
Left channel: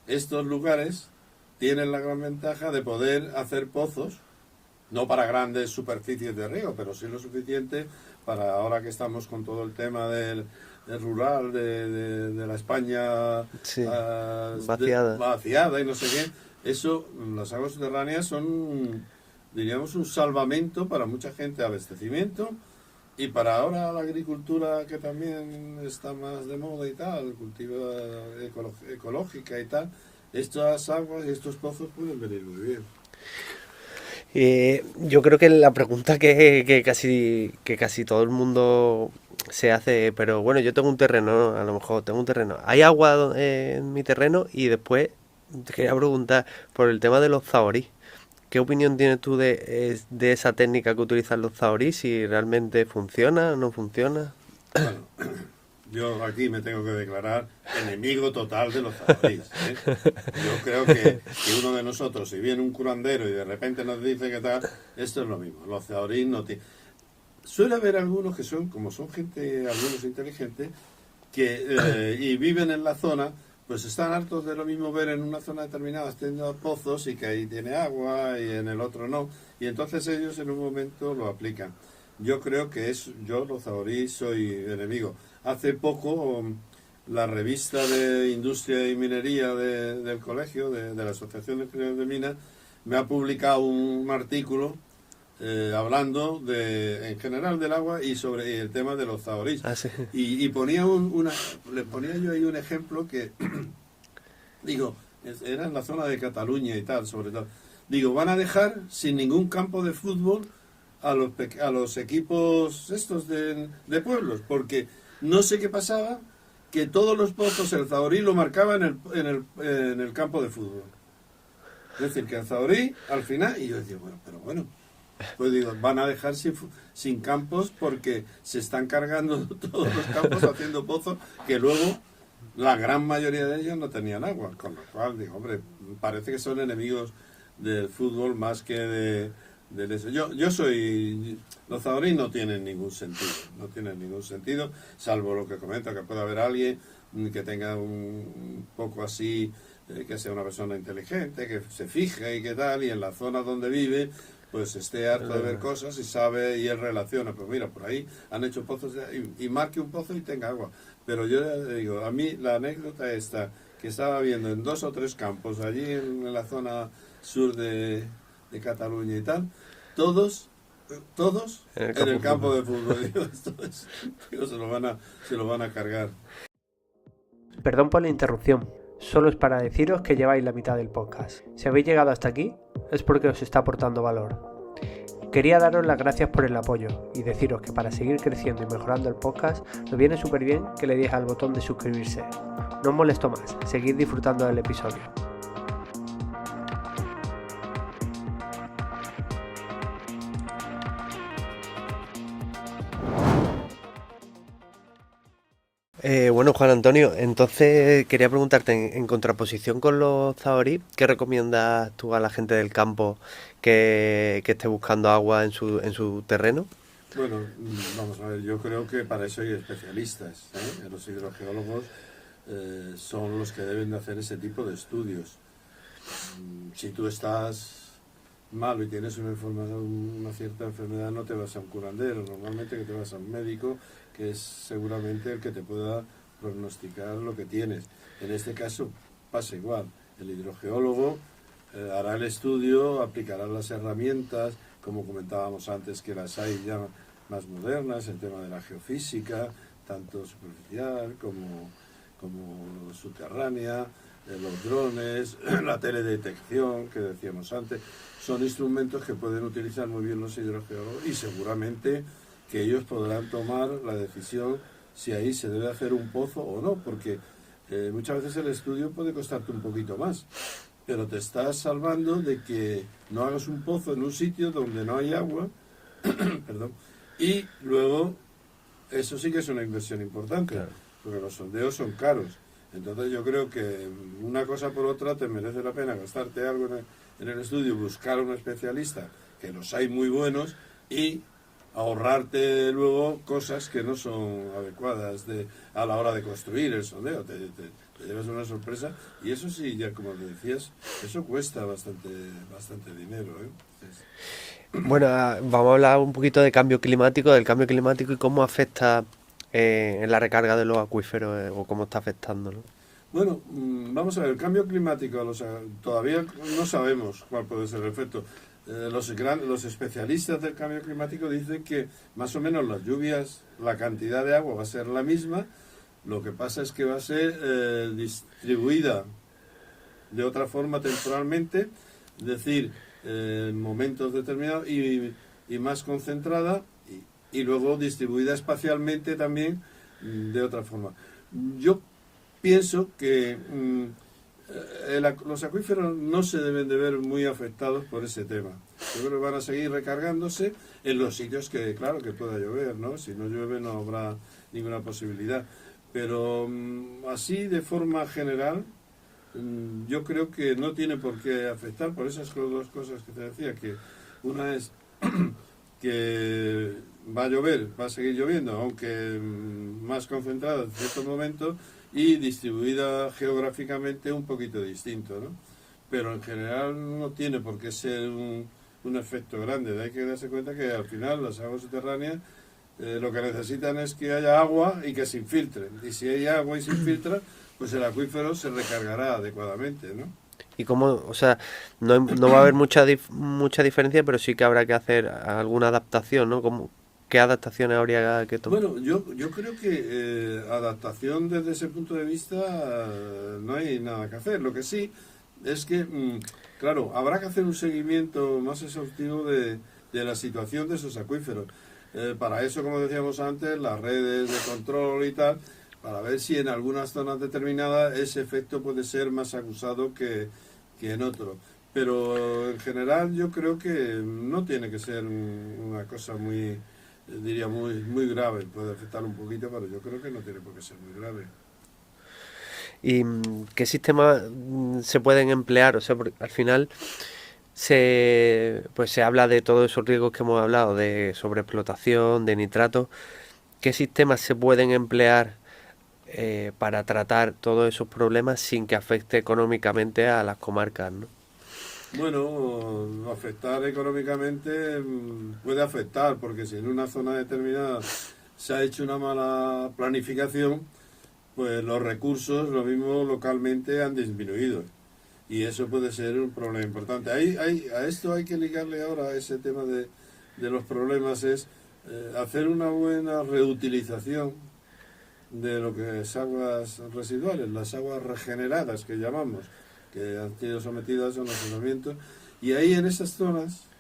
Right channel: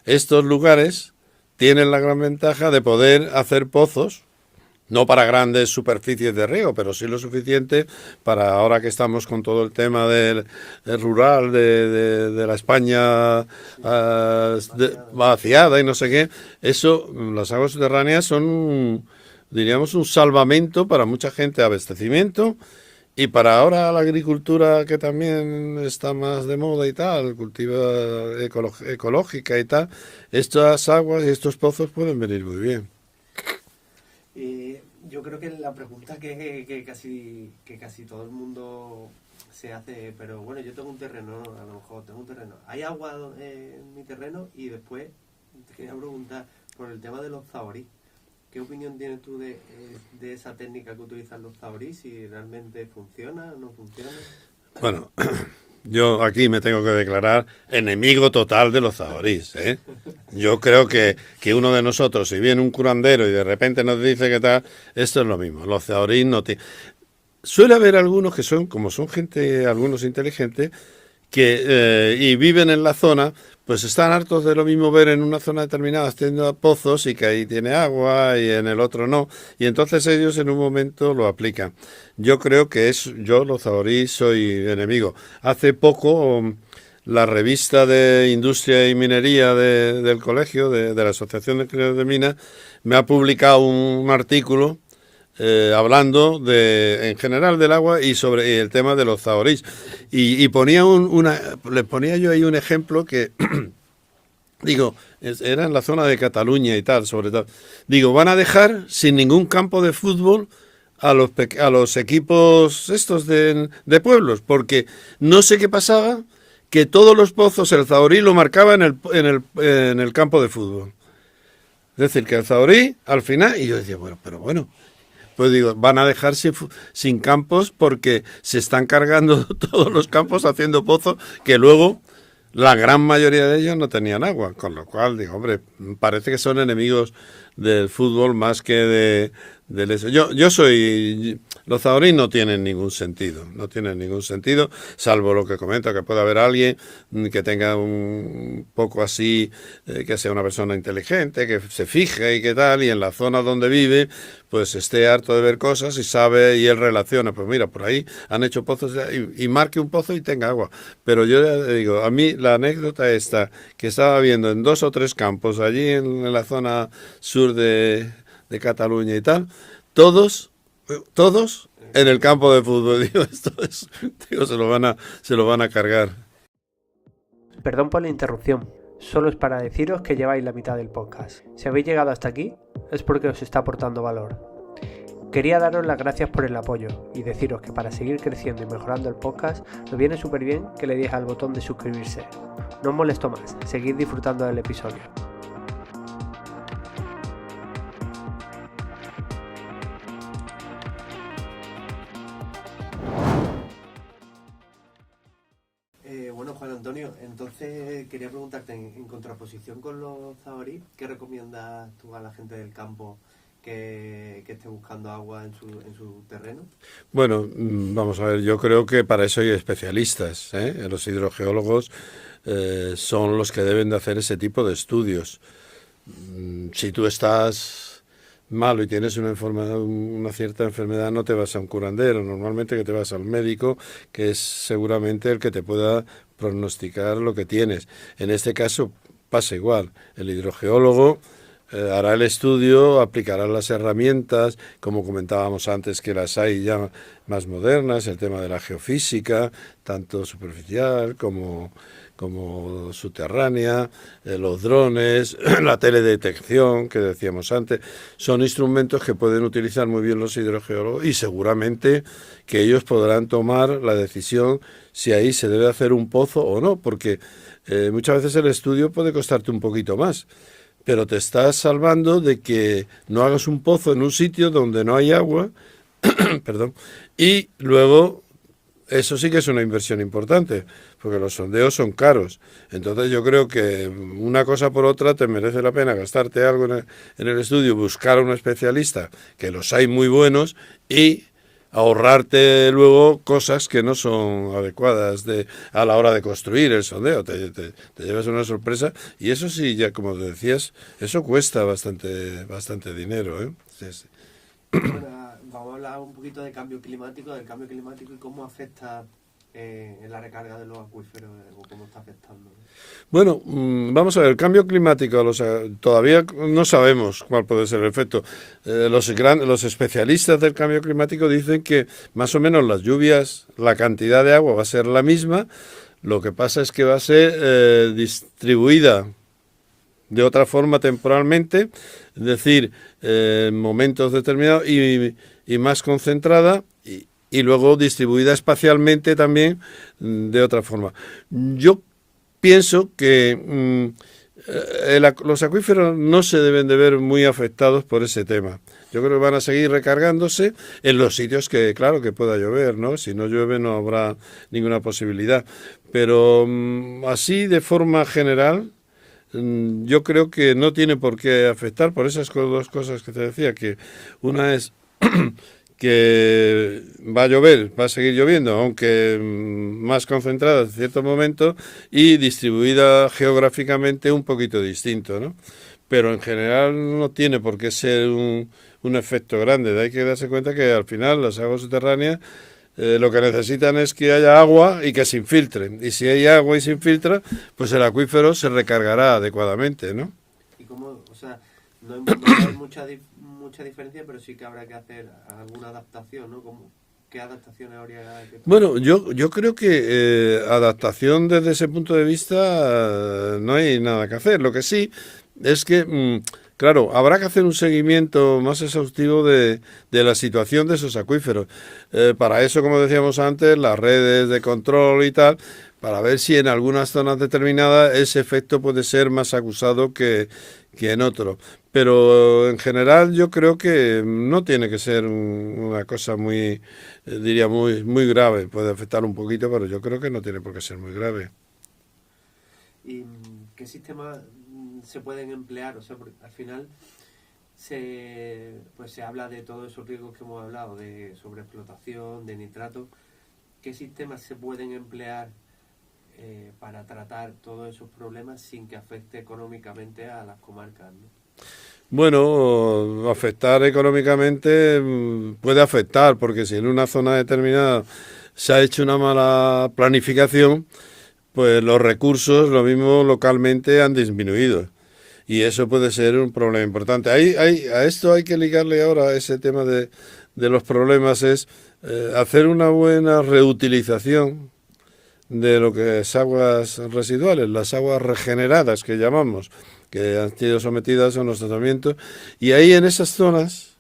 estos lugares tienen la gran ventaja de poder hacer pozos, no para grandes superficies de riego, pero sí lo suficiente para ahora que estamos con todo el tema del rural, de la España Sí, vaciada y no sé qué. Eso, las aguas subterráneas son, diríamos, un salvamento para mucha gente, abastecimiento, y para ahora la agricultura que también está más de moda y tal, cultiva ecológica y tal, estas aguas y estos pozos pueden venir muy bien. Yo creo que la pregunta que casi todo el mundo se hace, pero bueno, yo tengo un terreno, ¿no? A lo mejor tengo un terreno. ¿Hay agua en mi terreno? Y después te quería preguntar por el tema de los zahorí. ¿Qué opinión tienes tú de esa técnica que utilizan los zahorí? Si realmente funciona o no funciona. Bueno, Yo aquí me tengo que declarar enemigo total de los zahoríes, ¿eh? Yo creo que uno de nosotros, si viene un curandero y de repente nos dice que tal, esto es lo mismo. Los zahoríes no te... Suele haber algunos que son, como son gente, algunos inteligentes, que y viven en la zona, pues están hartos de lo mismo ver en una zona determinada teniendo pozos y que ahí tiene agua y en el otro no, y entonces ellos en un momento lo aplican. Yo creo que yo los zahorí soy enemigo. Hace poco la revista de Industria y Minería del colegio, de la Asociación de Ingenieros de Minas, me ha publicado un artículo hablando en general del agua y sobre el tema de los zahoríes. Ah, sí. Y ponía le ponía yo ahí un ejemplo que, digo, era en la zona de Cataluña y tal, sobre todo. Digo, van a dejar sin ningún campo de fútbol a los equipos estos de pueblos, porque no sé qué pasaba, que todos los pozos el zahorí lo marcaba en el campo de fútbol. Es decir, que el zahorí, al final, y yo decía, bueno, pero bueno, pues digo, van a dejar sin campos porque se están cargando todos los campos haciendo pozos que luego la gran mayoría de ellos no tenían agua. Con lo cual, digo, hombre, parece que son enemigos del fútbol más que del eso. Yo soy... Los zahorí no tienen ningún sentido, no tienen ningún sentido, salvo lo que comento, que puede haber alguien que tenga un poco así, que sea una persona inteligente, que se fije y qué tal, y en la zona donde vive, pues esté harto de ver cosas y sabe, y él relaciona, pues mira, por ahí han hecho pozos y marque un pozo y tenga agua. Pero yo ya digo, a mí la anécdota esta, que estaba viendo en 2 o 3 campos, allí en la zona sur de Cataluña y tal, todos en el campo de fútbol. Digo, se lo van a cargar. Perdón por la interrupción, solo es para deciros que lleváis la mitad del podcast. Si habéis llegado hasta aquí, es porque os está aportando valor. Quería daros las gracias por el apoyo y deciros que para seguir creciendo y mejorando el podcast, nos viene súper bien que le deis al botón de suscribirse. No os molesto más, seguid disfrutando del episodio. Bueno, Juan Antonio, entonces quería preguntarte, en contraposición con los zahorí, ¿qué recomiendas tú a la gente del campo que esté buscando agua en su terreno? Bueno, vamos a ver, yo creo que para eso hay especialistas, ¿eh? Los hidrogeólogos son los que deben de hacer ese tipo de estudios. Si tú estás malo y tienes una cierta enfermedad, no te vas a un curandero, normalmente que te vas al médico, que es seguramente el que te pueda pronosticar lo que tienes. En este caso pasa igual, el hidrogeólogo hará el estudio, aplicará las herramientas, como comentábamos antes que las hay ya más modernas, el tema de la geofísica, tanto superficial como subterránea, los drones, la teledetección que decíamos antes, son instrumentos que pueden utilizar muy bien los hidrogeólogos y seguramente que ellos podrán tomar la decisión si ahí se debe hacer un pozo o no, porque muchas veces el estudio puede costarte un poquito más, pero te estás salvando de que no hagas un pozo en un sitio donde no hay agua, perdón, y luego eso sí que es una inversión importante, porque los sondeos son caros. Entonces yo creo que una cosa por otra te merece la pena gastarte algo en el estudio, buscar a un especialista, que los hay muy buenos, y ahorrarte luego cosas que no son adecuadas a la hora de construir el sondeo. Te llevas una sorpresa y eso sí, ya como decías, eso cuesta bastante dinero, ¿eh? Entonces, Bueno, vamos a hablar un poquito del cambio climático y cómo afecta en la recarga de los acuíferos o cómo está afectando, ¿no? bueno, vamos a ver, el cambio climático, todavía no sabemos cuál puede ser el efecto. Los especialistas del cambio climático dicen que más o menos las lluvias, la cantidad de agua va a ser la misma, lo que pasa es que va a ser distribuida de otra forma temporalmente, es decir, en momentos determinados y más concentrada y luego distribuida espacialmente también de otra forma. Yo pienso que los acuíferos no se deben de ver muy afectados por ese tema. Yo creo que van a seguir recargándose en los sitios que, claro, que pueda llover, ¿no? Si no llueve no habrá ninguna posibilidad. Pero así, de forma general, yo creo que no tiene por qué afectar por esas dos cosas que te decía, que una es que va a llover, va a seguir lloviendo, aunque más concentrada en cierto momento y distribuida geográficamente un poquito distinto, ¿no? Pero en general no tiene por qué ser un efecto grande. Hay que darse cuenta que al final las aguas subterráneas lo que necesitan es que haya agua y que se infiltren. Y si hay agua y se infiltra, pues el acuífero se recargará adecuadamente, ¿no? Y cómo, o sea, no va a haber mucha diferencia, pero sí que habrá que hacer alguna adaptación, ¿no? ¿Qué adaptaciones habría que tomar? Bueno, yo creo que adaptación desde ese punto de vista no hay nada que hacer. Lo que sí es que, claro, habrá que hacer un seguimiento más exhaustivo de la situación de esos acuíferos. Para eso, como decíamos antes, las redes de control y tal, para ver si en algunas zonas determinadas ese efecto puede ser más acusado que en otros. Pero en general yo creo que no tiene que ser una cosa muy, diría, muy grave. Puede afectar un poquito, pero yo creo que no tiene por qué ser muy grave. ¿Y qué sistemas se pueden emplear? O sea, porque al final pues se habla de todos esos riesgos que hemos hablado, de sobreexplotación, de nitratos. ¿Qué sistemas se pueden emplear para tratar todos esos problemas sin que afecte económicamente a las comarcas, ¿no? Bueno, afectar económicamente puede afectar, porque si en una zona determinada se ha hecho una mala planificación, pues los recursos, lo mismo localmente, han disminuido. Y eso puede ser un problema importante. A esto hay que ligarle ahora ese tema de los problemas, es hacer una buena reutilización de lo que es aguas residuales, las aguas regeneradas que llamamos, que han sido sometidas a unos tratamientos. Y ahí en esas zonas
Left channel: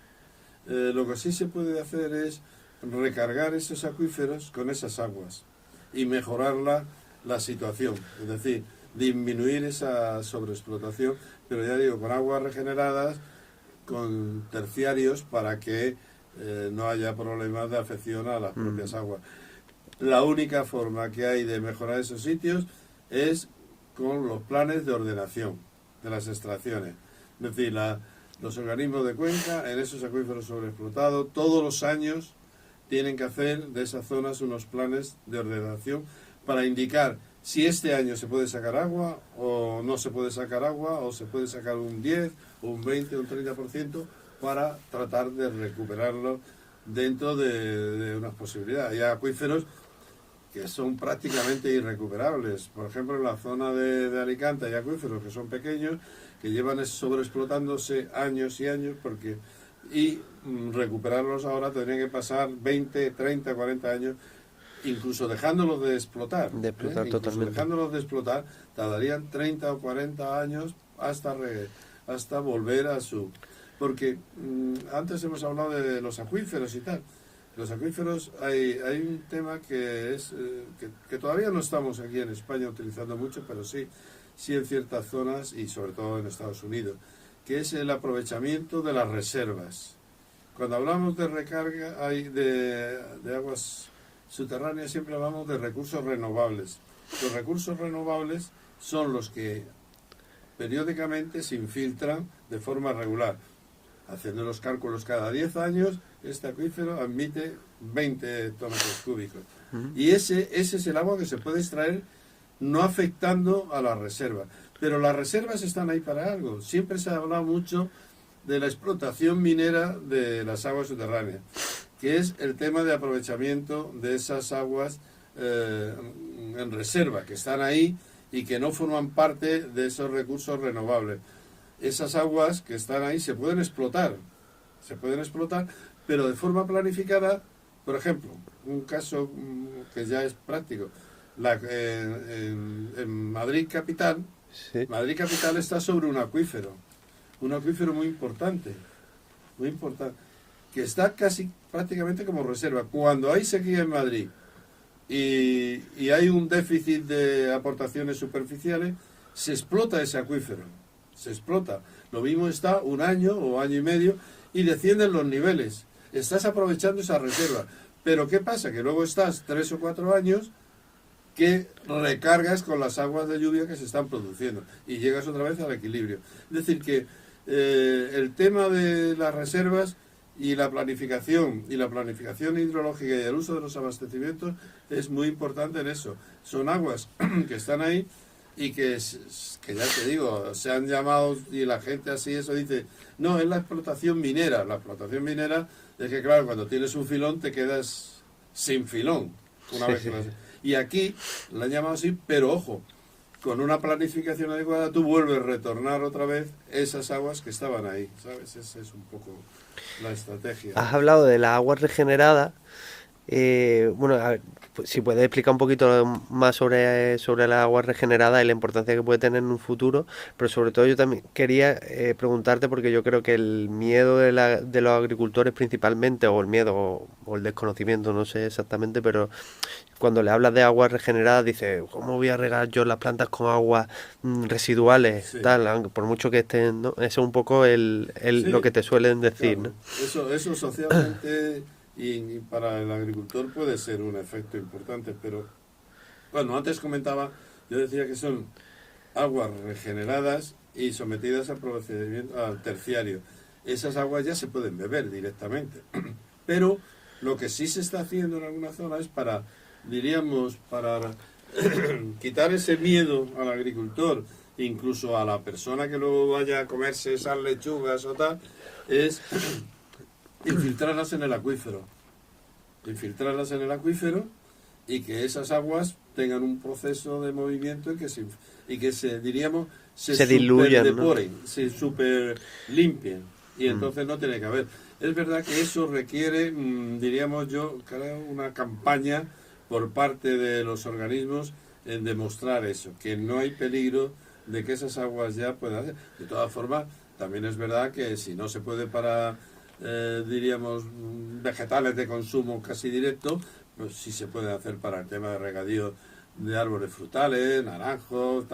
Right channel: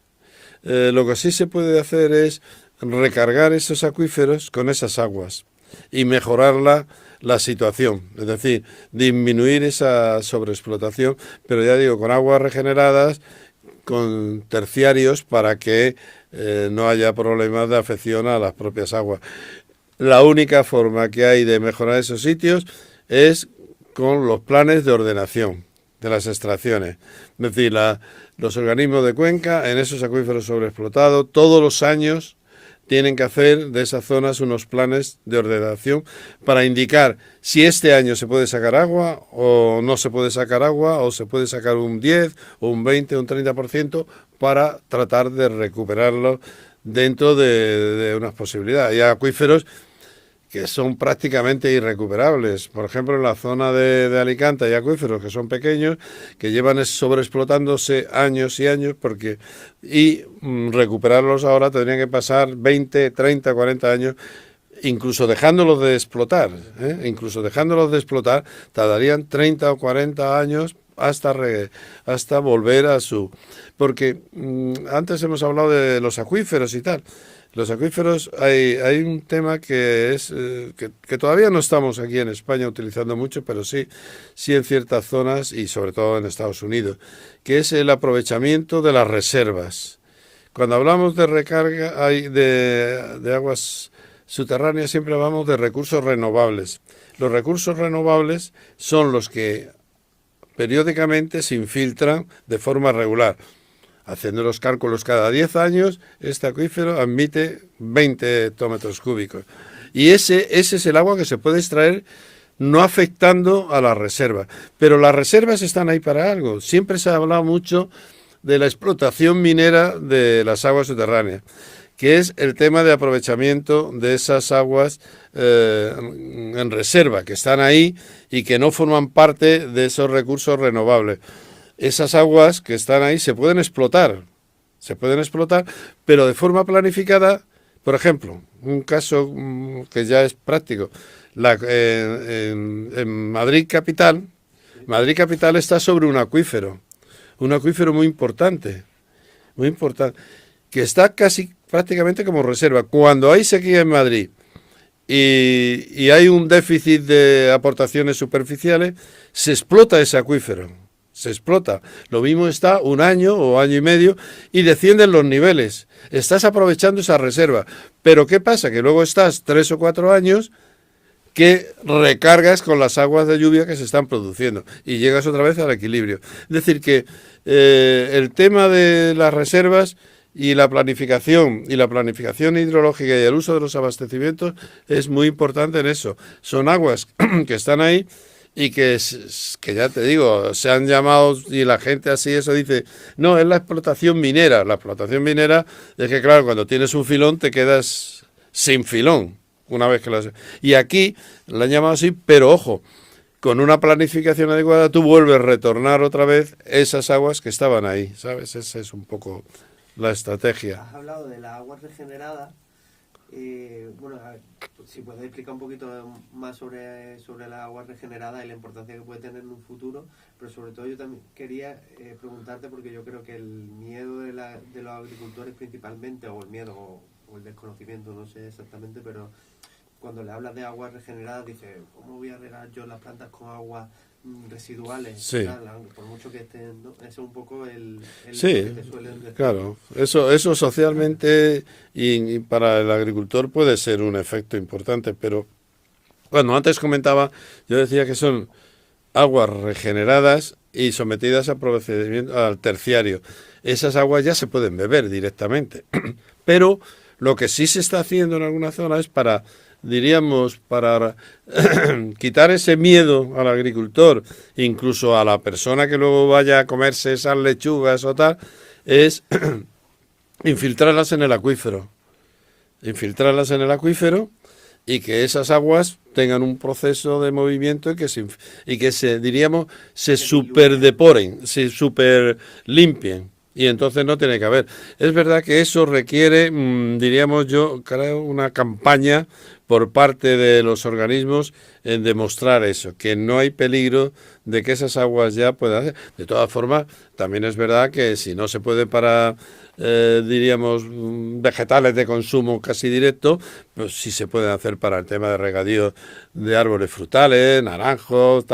lo que sí se puede hacer es recargar esos acuíferos con esas aguas y mejorar la situación, es decir, disminuir esa sobreexplotación, pero ya digo, con aguas regeneradas, con terciarios para que no haya problemas de afección a las propias aguas. La única forma que hay de mejorar esos sitios es con los planes de ordenación de las extracciones. Es decir, los organismos de cuenca en esos acuíferos sobreexplotados todos los años tienen que hacer de esas zonas unos planes de ordenación para indicar si este año se puede sacar agua o no se puede sacar agua, o se puede sacar un 10 o un 20 o un 30% para tratar de recuperarlo dentro de unas posibilidades. Hay acuíferos que son prácticamente irrecuperables. Por ejemplo, en la zona de Alicante hay acuíferos que son pequeños, que llevan sobreexplotándose años y años, y recuperarlos ahora tendrían que pasar 20, 30, 40 años, incluso dejándolos de explotar. Incluso dejándolos de explotar, tardarían 30 o 40 años hasta volver a su... Porque antes hemos hablado de los acuíferos y tal. Los acuíferos, hay un tema que es que todavía no estamos aquí en España utilizando mucho, pero sí en ciertas zonas y sobre todo en Estados Unidos, que es el aprovechamiento de las reservas. Cuando hablamos de recarga de aguas subterráneas, siempre hablamos de recursos renovables. Los recursos renovables son los que periódicamente se infiltran de forma regular. Haciendo los cálculos cada 10 años, este acuífero admite 20 hectómetros cúbicos. Y ese es el agua que se puede extraer no afectando a la reserva. Pero las reservas están ahí para algo. Siempre se ha hablado mucho de la explotación minera de las aguas subterráneas, que es el tema de aprovechamiento de esas aguas en reserva, que están ahí y que no forman parte de esos recursos renovables. Esas aguas que están ahí se pueden explotar, pero de forma planificada. Por ejemplo, un caso que ya es práctico, en Madrid capital, Sí. Madrid capital está sobre un acuífero muy importante, que está casi prácticamente como reserva. Cuando hay sequía en Madrid y hay un déficit de aportaciones superficiales, se explota ese acuífero. se explota. Lo mismo está un año o año y medio y descienden los niveles. Estás aprovechando esa reserva. Pero ¿qué pasa? Que luego estás 3 o 4 años que recargas con las aguas de lluvia que se están produciendo y llegas otra vez al equilibrio. Es decir, que el tema de las reservas y la planificación hidrológica y el uso de los abastecimientos es muy importante en eso. Son aguas que están ahí y que ya te digo, se han llamado, y la gente así eso dice, no, es la explotación minera. La explotación minera es que, claro, cuando tienes un filón te quedas sin filón. Una vez que lo has... Y aquí la han llamado así, pero ojo, con una planificación adecuada tú vuelves a retornar otra vez esas aguas que estaban ahí, ¿sabes? Esa es un poco la estrategia. Has hablado de las aguas regeneradas. Bueno, a ver, si puedes explicar un poquito más sobre las aguas regeneradas y la importancia que puede tener en un futuro, pero sobre todo yo también quería preguntarte, porque yo creo que el miedo de los agricultores principalmente, o el miedo o el desconocimiento, no sé exactamente, pero cuando le hablas de aguas regeneradas dice, ¿cómo voy a regar yo las plantas con aguas residuales? Sí, Tal, por mucho que estén, ¿no? Eso es un poco lo que sí, te suelen decir, ¿no? claro. Eso socialmente y para el agricultor puede ser un efecto importante, pero bueno, antes comentaba, yo decía que son aguas regeneradas y sometidas a procedimiento al terciario. Esas aguas ya se pueden beber directamente, pero lo que sí se está haciendo en algunas zonas es diríamos, para quitar ese miedo al agricultor, incluso a la persona que luego vaya a comerse esas lechugas o tal, es infiltrarlas en el acuífero. Infiltrarlas en el acuífero y que esas aguas tengan un proceso de movimiento y que se diríamos, se superdeporen, ¿no? Se super limpien. Y entonces no tiene que haber. Es verdad que eso requiere, diríamos yo, creo, una campaña por parte de los organismos en demostrar eso, que no hay peligro de que esas aguas ya puedan hacer. De todas formas, también es verdad que si no se puede para diríamos, vegetales de consumo casi directo, pues sí se pueden hacer para el tema de regadío de árboles frutales, naranjos,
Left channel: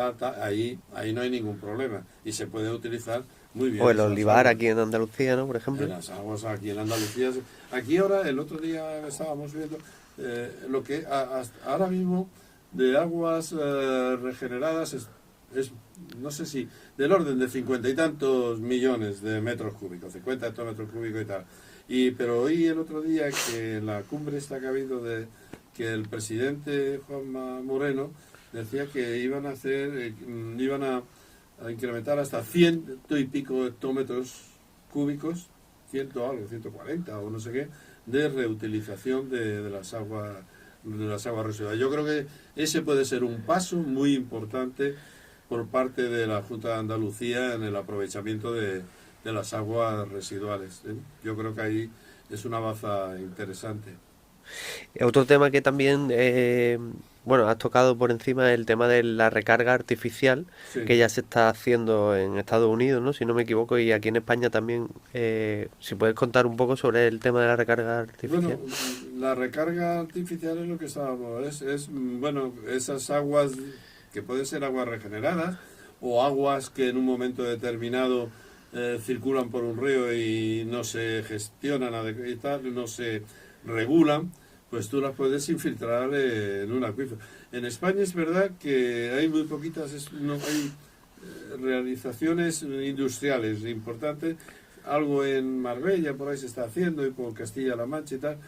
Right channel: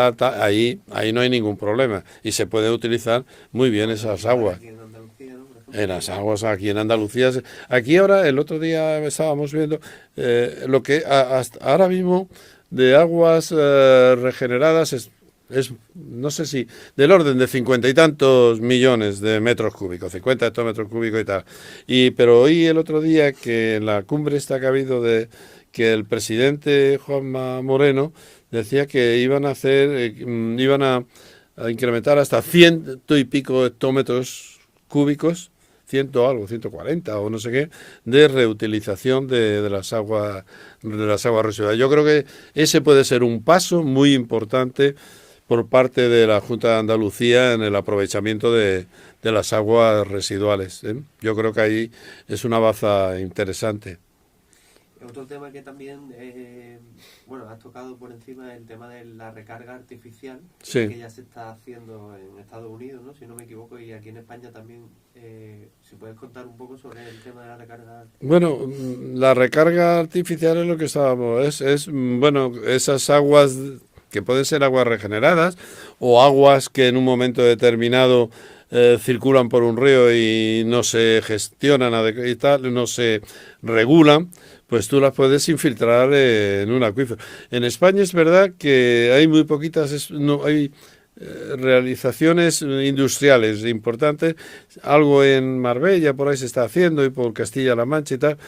ahí no hay ningún problema y se puede utilizar muy bien Pues esas aguas. aquí en Andalucía, ¿no? Por ejemplo. En las aguas aquí en Andalucía. Aquí ahora, el otro día estábamos viendo lo que hasta ahora mismo de aguas regeneradas no sé si, del orden de 50 y tantos millones de metros cúbicos, 50 hectómetros cúbicos y tal. Pero oí el otro día que en la cumbre esta que ha habido que el presidente Juanma Moreno decía que iban a hacer, iban a incrementar hasta 100 y pico hectómetros cúbicos, 100 algo, 140 o no sé qué, de reutilización de las aguas residuales. Yo creo que ese puede ser un paso muy importante por parte de la Junta de Andalucía en el aprovechamiento de las aguas residuales, ¿eh? Yo creo que ahí es una baza interesante. Otro tema que también, bueno, has tocado por encima es el tema de la recarga artificial, Sí. que ya se está haciendo en Estados Unidos, ¿no? Si no me equivoco, y aquí en España también. Si puedes contar un poco sobre el tema de la recarga artificial. Bueno, la recarga artificial es lo que estábamos, bueno, esas aguas que pueden ser aguas regeneradas o aguas que en un momento determinado circulan por un río y no se gestionan y tal, no se regulan, pues tú las puedes infiltrar en un acuífero. En España es verdad que hay muy poquitas, no hay realizaciones industriales importantes, algo en Marbella por ahí se está haciendo y por Castilla-La Mancha y tal,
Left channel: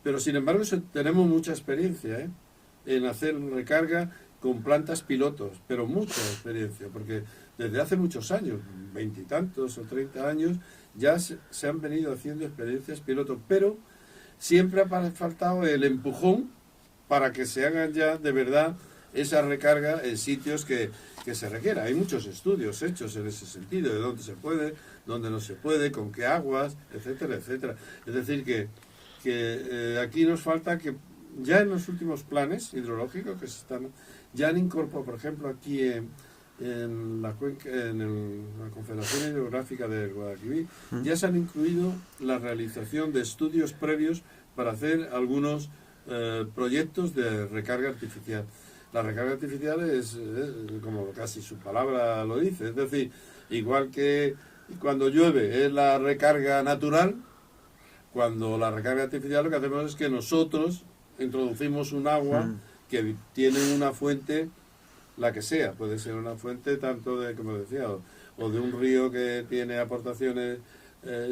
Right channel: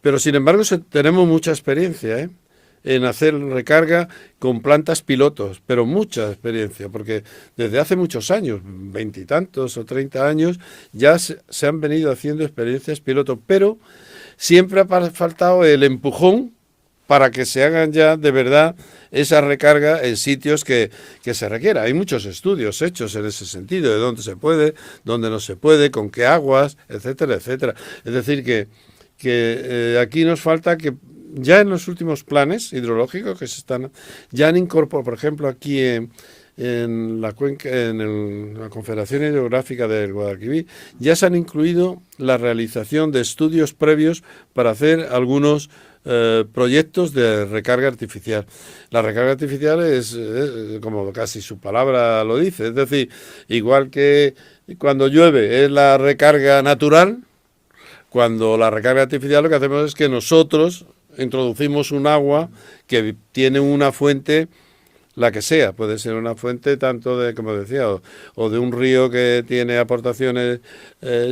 pero sin embargo tenemos mucha experiencia, en hacer recarga con plantas pilotos, pero mucha experiencia, porque desde hace muchos años, 20 y tantos o 30 años, ya se han venido haciendo experiencias pilotos, pero siempre ha faltado el empujón para que se hagan ya de verdad esa recarga en sitios que se requiera. Hay muchos estudios hechos en ese sentido, de dónde se puede, dónde no se puede, con qué aguas, etcétera, etcétera. Es decir, que aquí nos falta que ya en los últimos planes hidrológicos que ya han incorporado, por ejemplo, aquí en la cuenca, la Confederación Hidrográfica del Guadalquivir, ya se han incluido la realización de estudios previos para hacer algunos proyectos de recarga artificial. La recarga artificial es como casi su palabra lo dice, es decir, igual que cuando llueve es la recarga natural, cuando la recarga artificial lo que hacemos es que nosotros introducimos un agua que tiene una fuente, la que sea, puede ser una fuente tanto de, como decía, o de un río que tiene aportaciones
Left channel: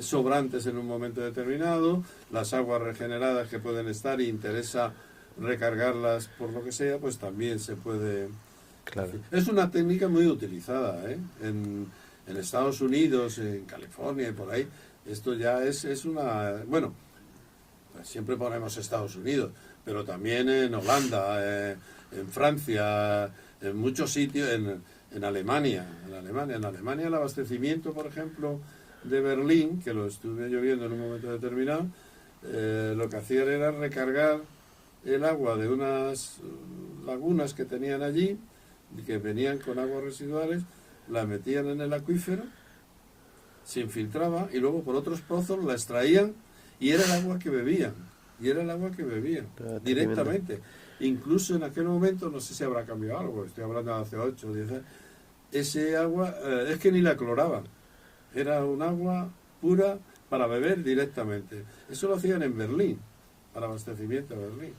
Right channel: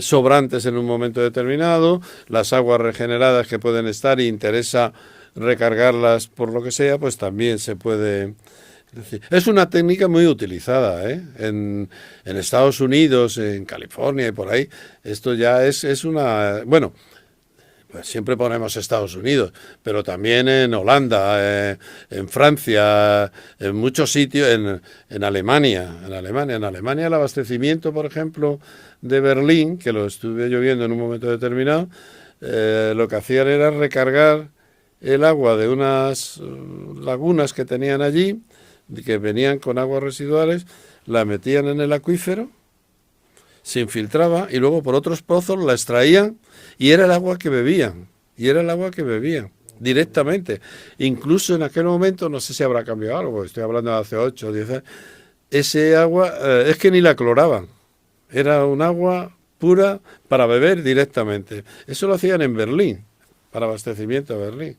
sobrantes en un momento determinado, las aguas regeneradas que pueden estar y interesa recargarlas por lo que sea, pues también se puede. Claro. Es una técnica muy utilizada, ¿eh? En Estados Unidos, en California y por ahí. Esto ya es una. Bueno, pues siempre ponemos Estados Unidos, pero también en Holanda, en Francia, en muchos sitios, en Alemania. En Alemania el abastecimiento, por ejemplo, de Berlín, que lo estuve yo viendo en un momento determinado, lo que hacían era recargar el agua de unas lagunas que tenían allí, que venían con aguas residuales, la metían en el acuífero, se infiltraba y luego por otros pozos la extraían y era el agua que bebían. Y era el agua que bebían directamente. Incluso en aquel momento, no sé si habrá cambiado algo, estoy hablando de hace 8 o 10 años, ese agua es que ni la cloraban. Era un agua pura para beber directamente. Eso lo hacían en Berlín, para abastecimiento de Berlín.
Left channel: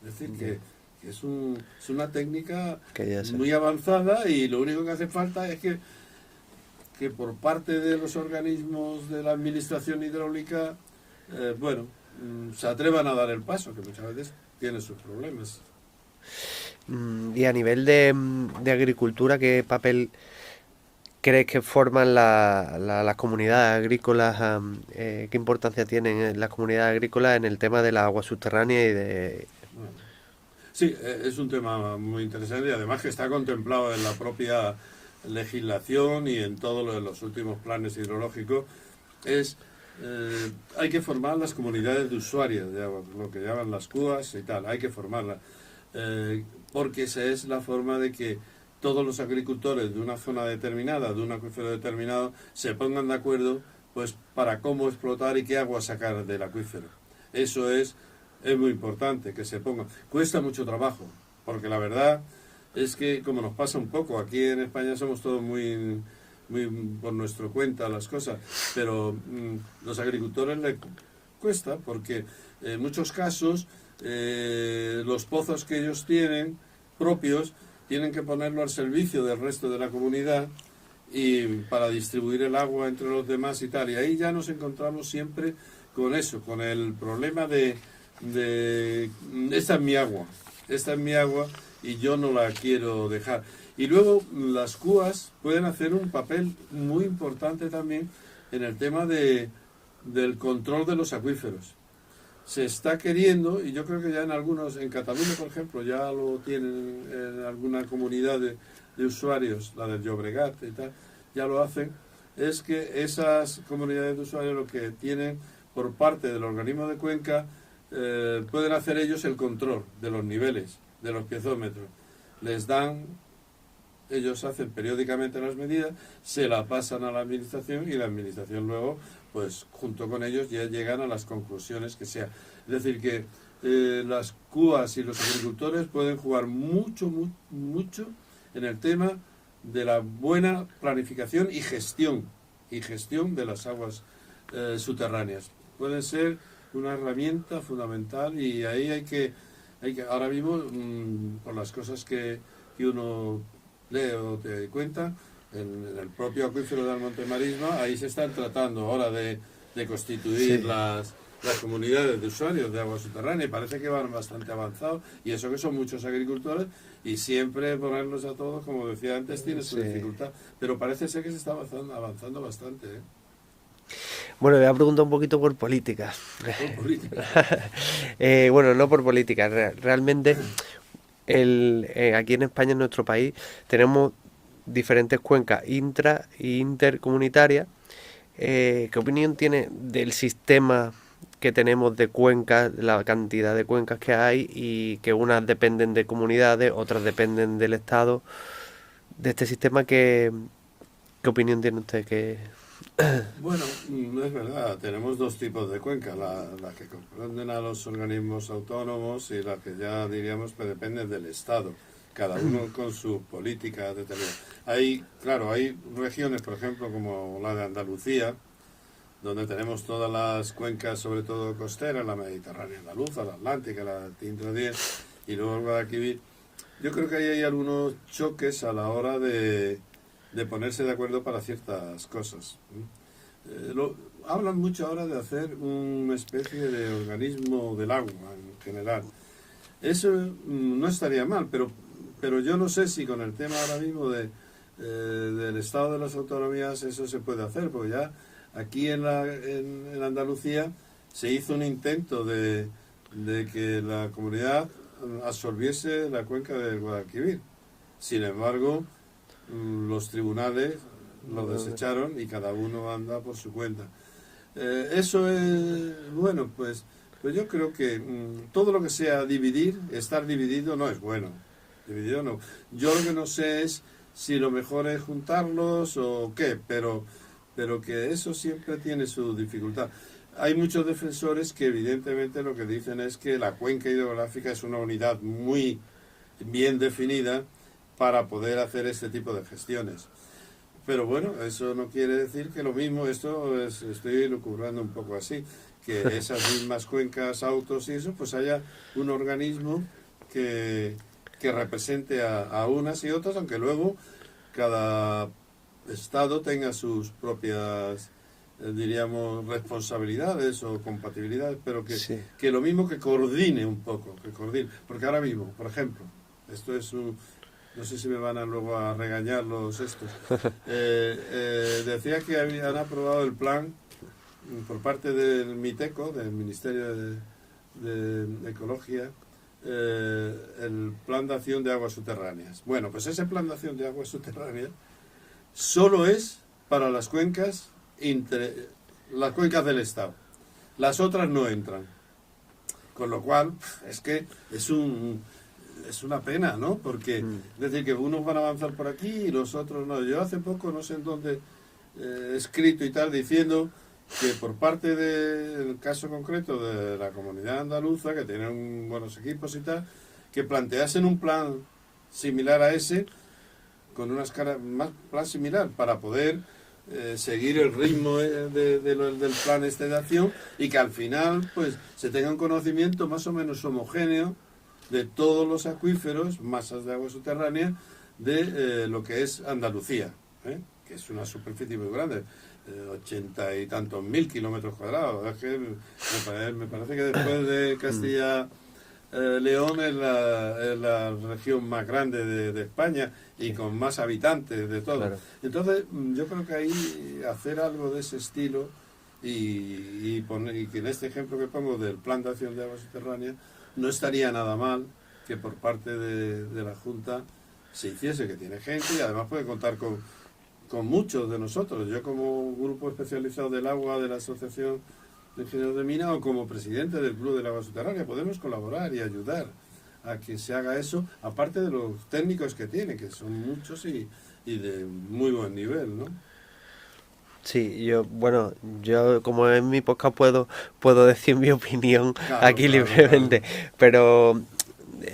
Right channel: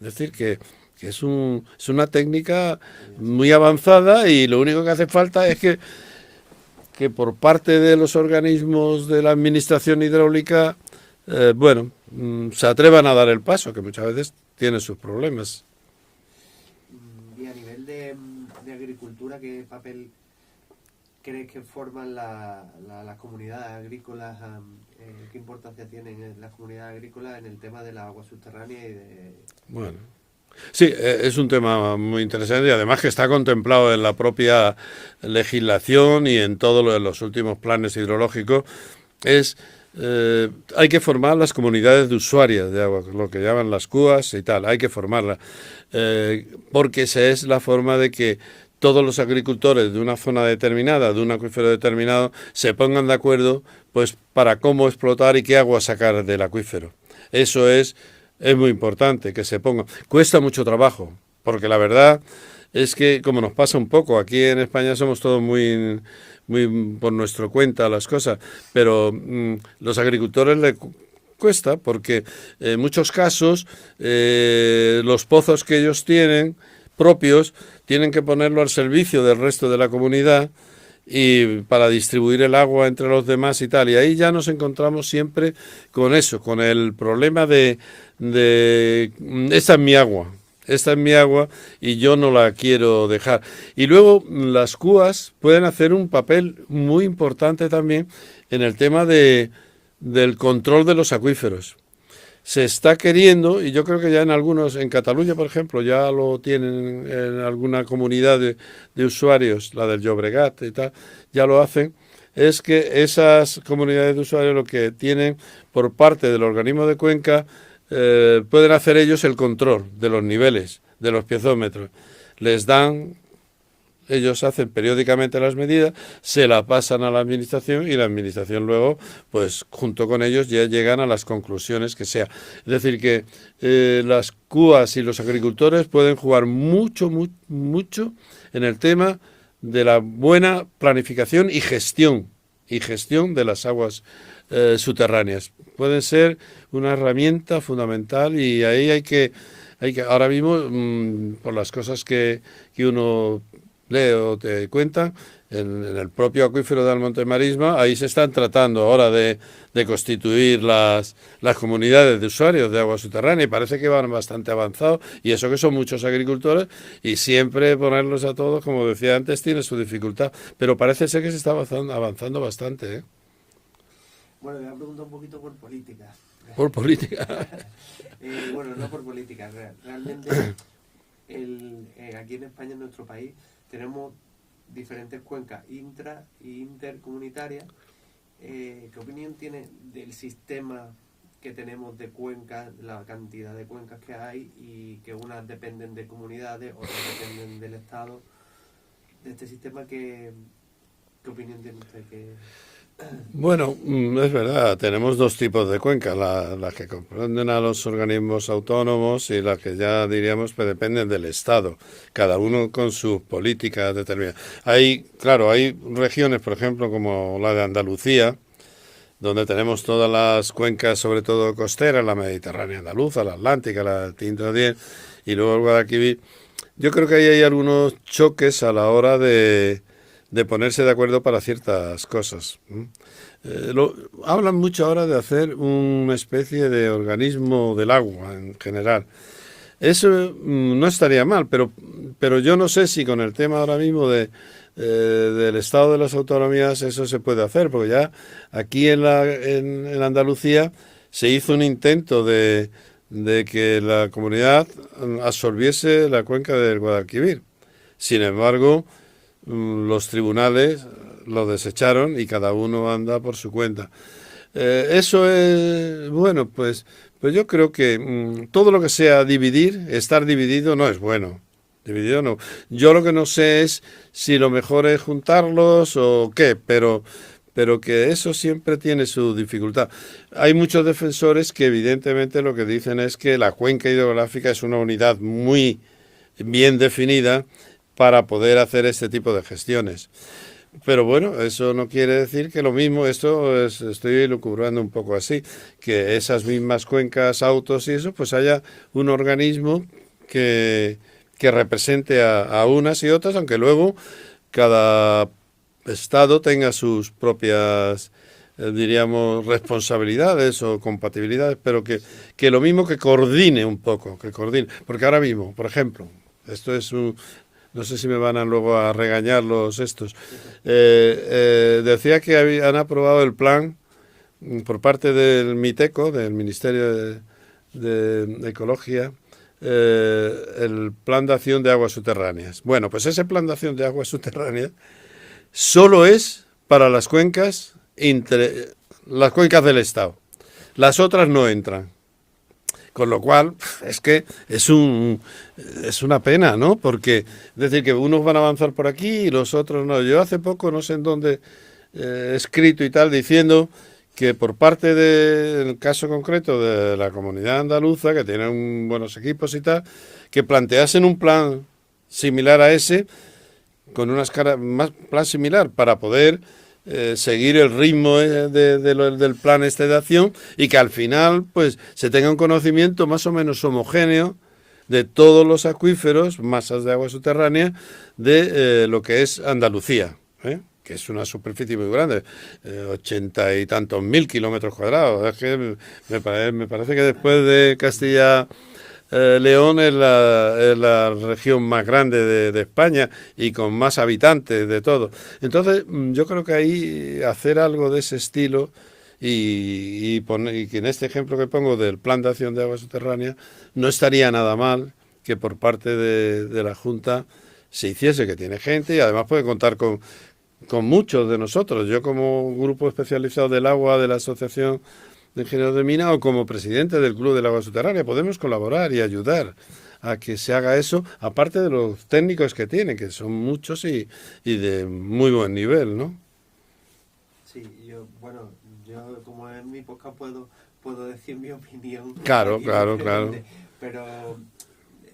Es decir, que es una técnica muy avanzada y lo único que hace falta es que por parte de los organismos de la administración hidráulica, se atrevan a dar el paso, que muchas veces tiene sus problemas. Y a nivel de agricultura, ¿qué papel crees que forman las comunidades agrícolas? ¿Qué importancia tienen las comunidades agrícolas en el tema de la agua subterránea y de...? Bueno, sí, es un tema muy interesante y además que está contemplado en la propia legislación y en todos los últimos planes hidrológicos. Hay que formar las comunidades de usuarias de agua, lo que llaman las CUAS y tal, hay que formarlas, porque esa es la forma de que todos los agricultores de una zona determinada, de un acuífero determinado, se pongan de acuerdo pues para cómo explotar y qué agua sacar del acuífero. Eso es muy importante, que se ponga. Cuesta mucho trabajo, porque la verdad es que, como nos pasa un poco, aquí en España somos todos muy por nuestra cuenta las cosas, pero los agricultores les cuesta porque en muchos casos los pozos que ellos tienen propios tienen que ponerlo al servicio del resto de la comunidad y para distribuir el agua entre los demás y tal. Y ahí ya nos encontramos siempre con eso, con el problema de esta es mi agua y yo no la quiero dejar. Y luego las CUAS pueden hacer un papel muy importante también en el tema del control de los acuíferos. Se está queriendo, y yo creo que ya en Cataluña, por ejemplo, ya lo tienen en alguna comunidad de usuarios, la del Llobregat y tal, ya lo hacen, es que esas comunidades de usuarios lo que tienen por parte del organismo de cuenca, pueden hacer ellos el control de los niveles, de los piezómetros. Ellos hacen periódicamente las medidas, se la pasan a la administración y la administración luego, pues junto con ellos ya llegan a las conclusiones que sea. Es decir, que las CUAS y los agricultores pueden jugar mucho en el tema de la buena planificación y gestión de las aguas subterráneas. Pueden ser una herramienta fundamental y ahí hay que ahora mismo, por las cosas que uno lee o te cuenta, en el propio acuífero del Monte Marisma, ahí se están tratando ahora de constituir las comunidades de usuarios de agua subterránea y parece que van bastante avanzados y eso que son muchos agricultores y siempre ponerlos a todos, como decía antes, tiene su dificultad, pero parece ser que se está avanzando bastante, ¿eh? Bueno, le voy a preguntar un poquito por política. Por política. Bueno, no por política. Realmente, aquí en España, en nuestro país, tenemos diferentes cuencas intra e intercomunitarias. ¿Qué opinión tiene del sistema que tenemos de cuencas, la cantidad de cuencas que hay y que unas dependen de comunidades, otras dependen del Estado? De este sistema, ¿qué opinión tiene usted? Bueno, es verdad, tenemos dos tipos de cuencas, las que comprenden a los organismos autónomos y las que ya diríamos que dependen del Estado, cada uno con sus políticas determinadas. Hay, claro, hay regiones, por ejemplo, como la de Andalucía, donde tenemos todas las cuencas, sobre todo costeras, la Mediterránea andaluza, la Atlántica, la del Tinto y luego el Guadalquivir. Yo creo que ahí hay algunos choques a la hora de ponerse de acuerdo para ciertas cosas. Hablan mucho ahora de hacer una especie de organismo del agua en general. Eso no estaría mal, pero yo no sé si con el tema ahora mismo del estado de las autonomías eso se puede hacer, porque ya aquí en Andalucía se hizo un intento de que la comunidad absorbiese la cuenca del Guadalquivir. Sin embargo, los tribunales lo desecharon y cada uno anda por su cuenta. Eso es, bueno, pues yo creo que todo lo que sea dividir, estar dividido no es bueno. Dividido no. Yo lo que no sé es si lo mejor es juntarlos o qué, pero que eso siempre tiene su dificultad. Hay muchos defensores que evidentemente lo que dicen es que la cuenca hidrográfica es una unidad muy bien definida para poder hacer este tipo de gestiones. Pero bueno, eso no quiere decir que lo mismo, estoy lucubrando un poco así, que esas mismas cuencas, autos y eso, pues haya un organismo que represente a unas y otras, aunque luego cada estado tenga sus propias, diríamos, responsabilidades o compatibilidades, pero Sí. que lo mismo que coordine un poco, que coordine. Porque ahora mismo, por ejemplo, esto es un, no sé si me van a luego a regañar los estos. Decía que han aprobado el plan por parte del MITECO, del Ministerio de Ecología, el plan de acción de aguas subterráneas. Bueno, pues ese plan de acción de aguas subterráneas solo es para las cuencas del Estado. Las otras no entran. Con lo cual, es que es una pena, ¿no? Porque, es decir, que unos van a avanzar por aquí y los otros no. Yo hace poco, no sé en dónde, he escrito y tal, diciendo que por parte del caso concreto de la comunidad andaluza, que tienen buenos equipos y tal, que planteasen un plan similar a ese, con más plan similar, para poder seguir el ritmo del plan este de acción y que al final pues se tenga un conocimiento más o menos homogéneo de todos los acuíferos, masas de agua subterránea de lo que es Andalucía, que es una superficie muy grande, 80 y tantos mil kilómetros cuadrados. Es que me parece que después de Castilla León es la región más grande de España y con más habitantes de todo. Claro. Entonces, yo creo que ahí hacer algo de ese estilo y que en este ejemplo que pongo del plan de acción de aguas subterráneas, no estaría nada mal que por parte de la Junta se hiciese, que tiene gente y además puede contar con muchos de nosotros. Yo como grupo especializado del agua de la Asociación de Ingenieros de Mina o como presidente del Club del Agua Subterránea podemos colaborar y ayudar a que se haga eso, aparte de los técnicos que tiene, que son muchos y de muy buen nivel, ¿no? Sí, bueno, yo como en mi podcast puedo decir mi opinión Claro, aquí claro, claro. libremente, pero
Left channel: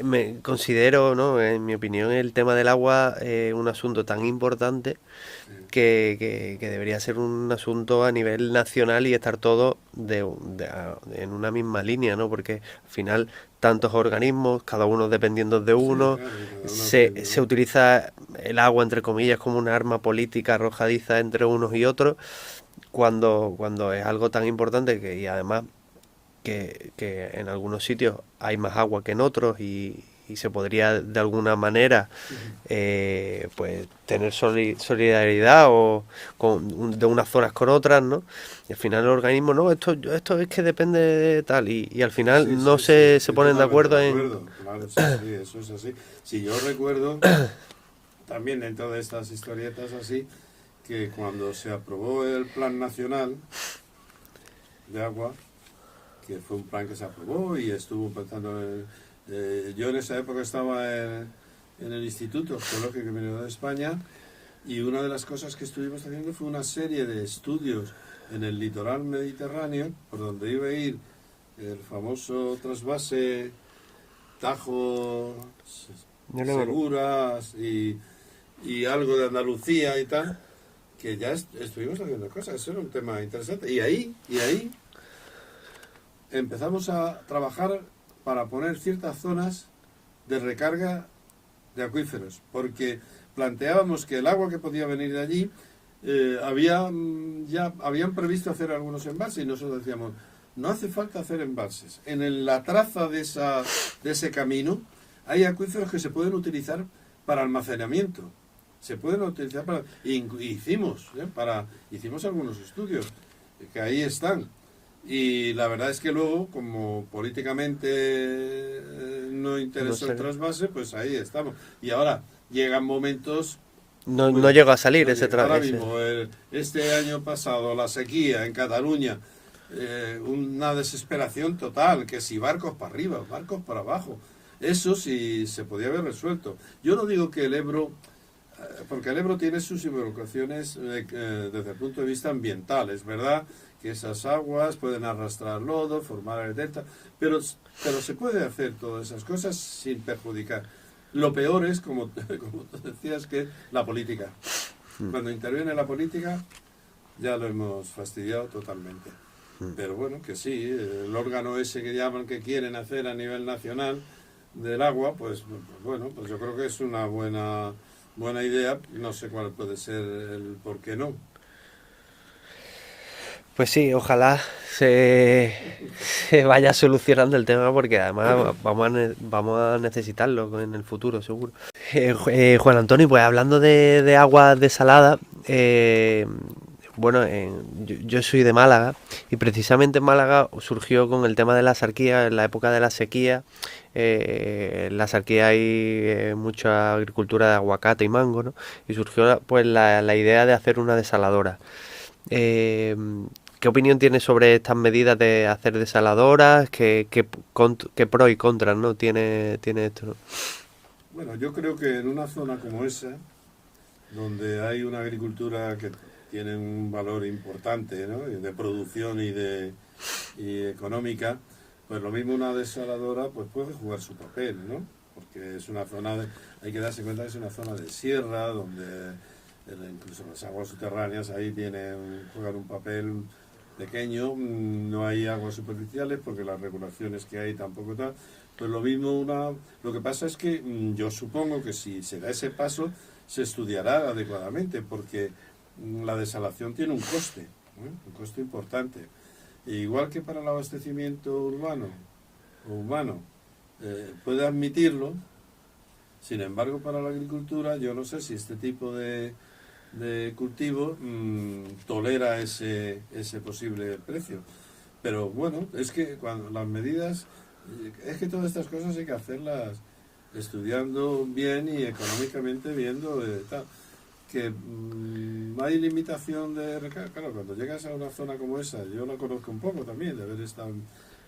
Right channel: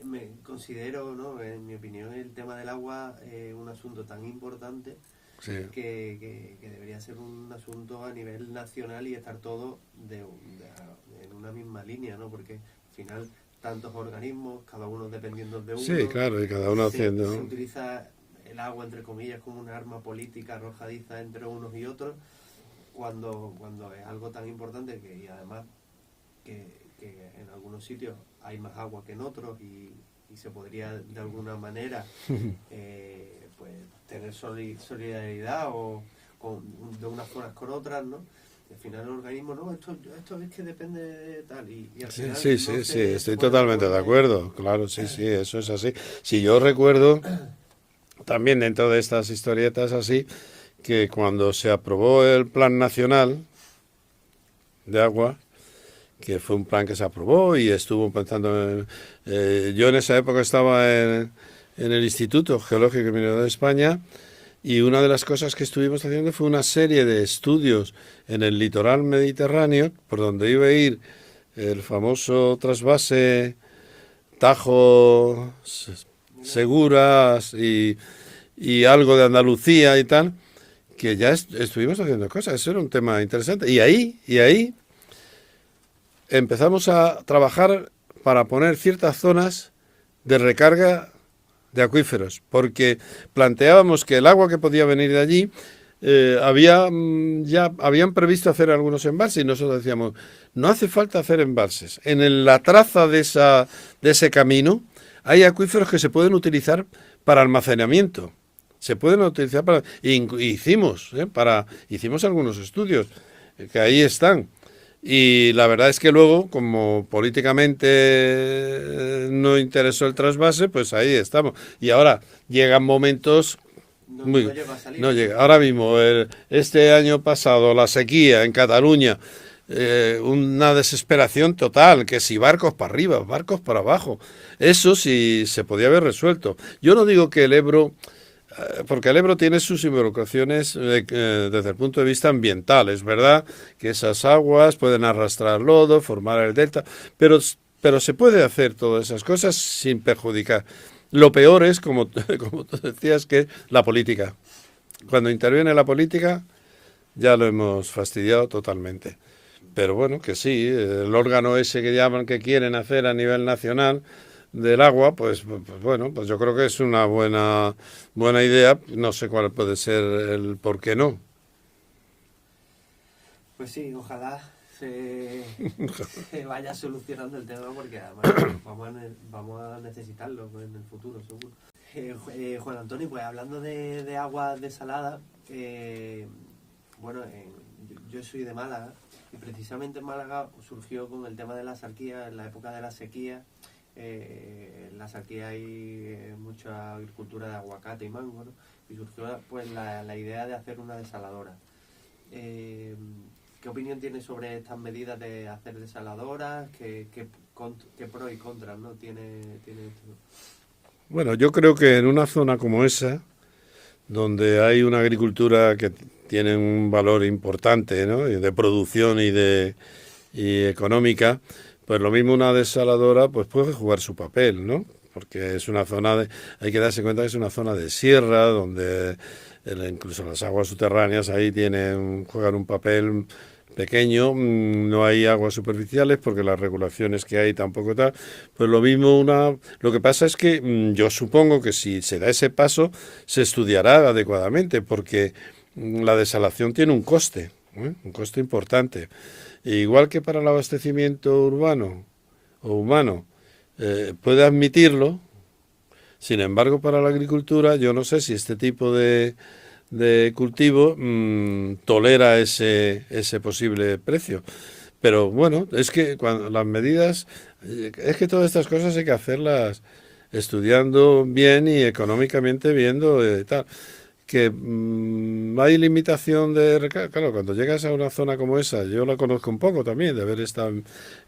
me considero, ¿no? En mi opinión, el tema del agua es un asunto tan importante Sí. que debería ser un asunto a nivel nacional y estar todos en una misma línea, ¿no? Porque al final tantos organismos, cada uno dependiendo de Sí, uno, claro, y cada uno se haciendo. utiliza el agua, entre comillas, como una arma política arrojadiza entre unos y otros, cuando es algo tan importante y además que en algunos sitios hay más agua que en otros y se podría de alguna manera pues tener solidaridad de unas zonas con otras, ¿no? Y al final el organismo, no, esto es que depende de tal y al Sí, sí, final no sí, sí, se estoy ponen de totalmente de acuerdo en... acuerdo. Claro, sí, sí, eso es así. Si yo recuerdo, también dentro de estas historietas así, que cuando se aprobó el Plan Nacional de Agua, que fue un plan que se aprobó y estuvo pensando yo en esa época estaba en el Instituto Geológico y Mineral de España, Y una de las cosas que estuvimos haciendo fue una serie de estudios en el litoral mediterráneo, por donde iba a ir el famoso trasvase Tajo, Seguras y algo de Andalucía y tal, que ya estuvimos haciendo cosas. Eso era un tema interesante. Y ahí empezamos a trabajar para poner ciertas zonas de recarga de acuíferos, porque planteábamos que el agua que podía venir de allí ya habían previsto hacer algunos embalses y nosotros decíamos, no hace falta hacer embalses. La traza de ese camino hay acuíferos que se pueden utilizar para almacenamiento. Se pueden utilizar para... hicimos algunos estudios que ahí están. Y la verdad es que luego, como políticamente no interesó el trasvase, pues ahí estamos. Y ahora llegan momentos... No llegó a salir no ese llega. trasvase. Ahora mismo, este año pasado, la sequía en Cataluña, una desesperación total, que si barcos para arriba, barcos para abajo. Eso sí se podía haber resuelto. Yo no digo que el Ebro... porque el Ebro tiene sus involucraciones desde el punto de vista ambiental. Es verdad que esas aguas pueden arrastrar lodo, formar el delta, pero se puede hacer todas esas cosas sin perjudicar. Lo peor es, como tú decías, que es la política. Cuando interviene la política, ya lo hemos fastidiado totalmente. Pero bueno, que sí, el órgano ese que llaman que quieren hacer a nivel nacional del agua, pues bueno, pues yo creo que es una buena idea. No sé cuál puede ser el por qué no. Pues sí, ojalá se vaya solucionando el tema porque además vamos a necesitarlo en el futuro, seguro. Juan Antonio, pues hablando de aguas desaladas, bueno, yo soy de Málaga y precisamente en Málaga surgió con el tema de la sarquía, en la época de la sequía. En la sarquía hay mucha agricultura de aguacate y mango, ¿no? Y surgió pues la idea de hacer una desaladora. Eh, ¿Qué opinión tienes sobre estas medidas de hacer desaladoras? ¿Qué pros y contras, ¿no? tiene esto, ¿no? Bueno, yo creo que en una zona como esa, donde hay una agricultura que tiene un valor importante, ¿no? De producción y económica, pues lo mismo una desaladora pues puede jugar su papel, ¿no? Porque es una hay que darse cuenta que es una zona de sierra, donde incluso las aguas subterráneas ahí juegan un papel pequeño, no hay aguas superficiales porque las regulaciones que hay tampoco tal, pues lo mismo lo que pasa es que yo supongo que si se da ese paso se estudiará adecuadamente porque la desalación tiene un coste importante. Igual que para el abastecimiento urbano o humano puede admitirlo, sin embargo para la agricultura yo no sé si este tipo de cultivo tolera ese posible precio. Pero bueno, es que cuando las medidas, es que todas estas cosas hay que hacerlas estudiando bien y económicamente viendo tal. Que hay limitación claro, cuando llegas a una zona como esa, yo la conozco un poco también, de haber estado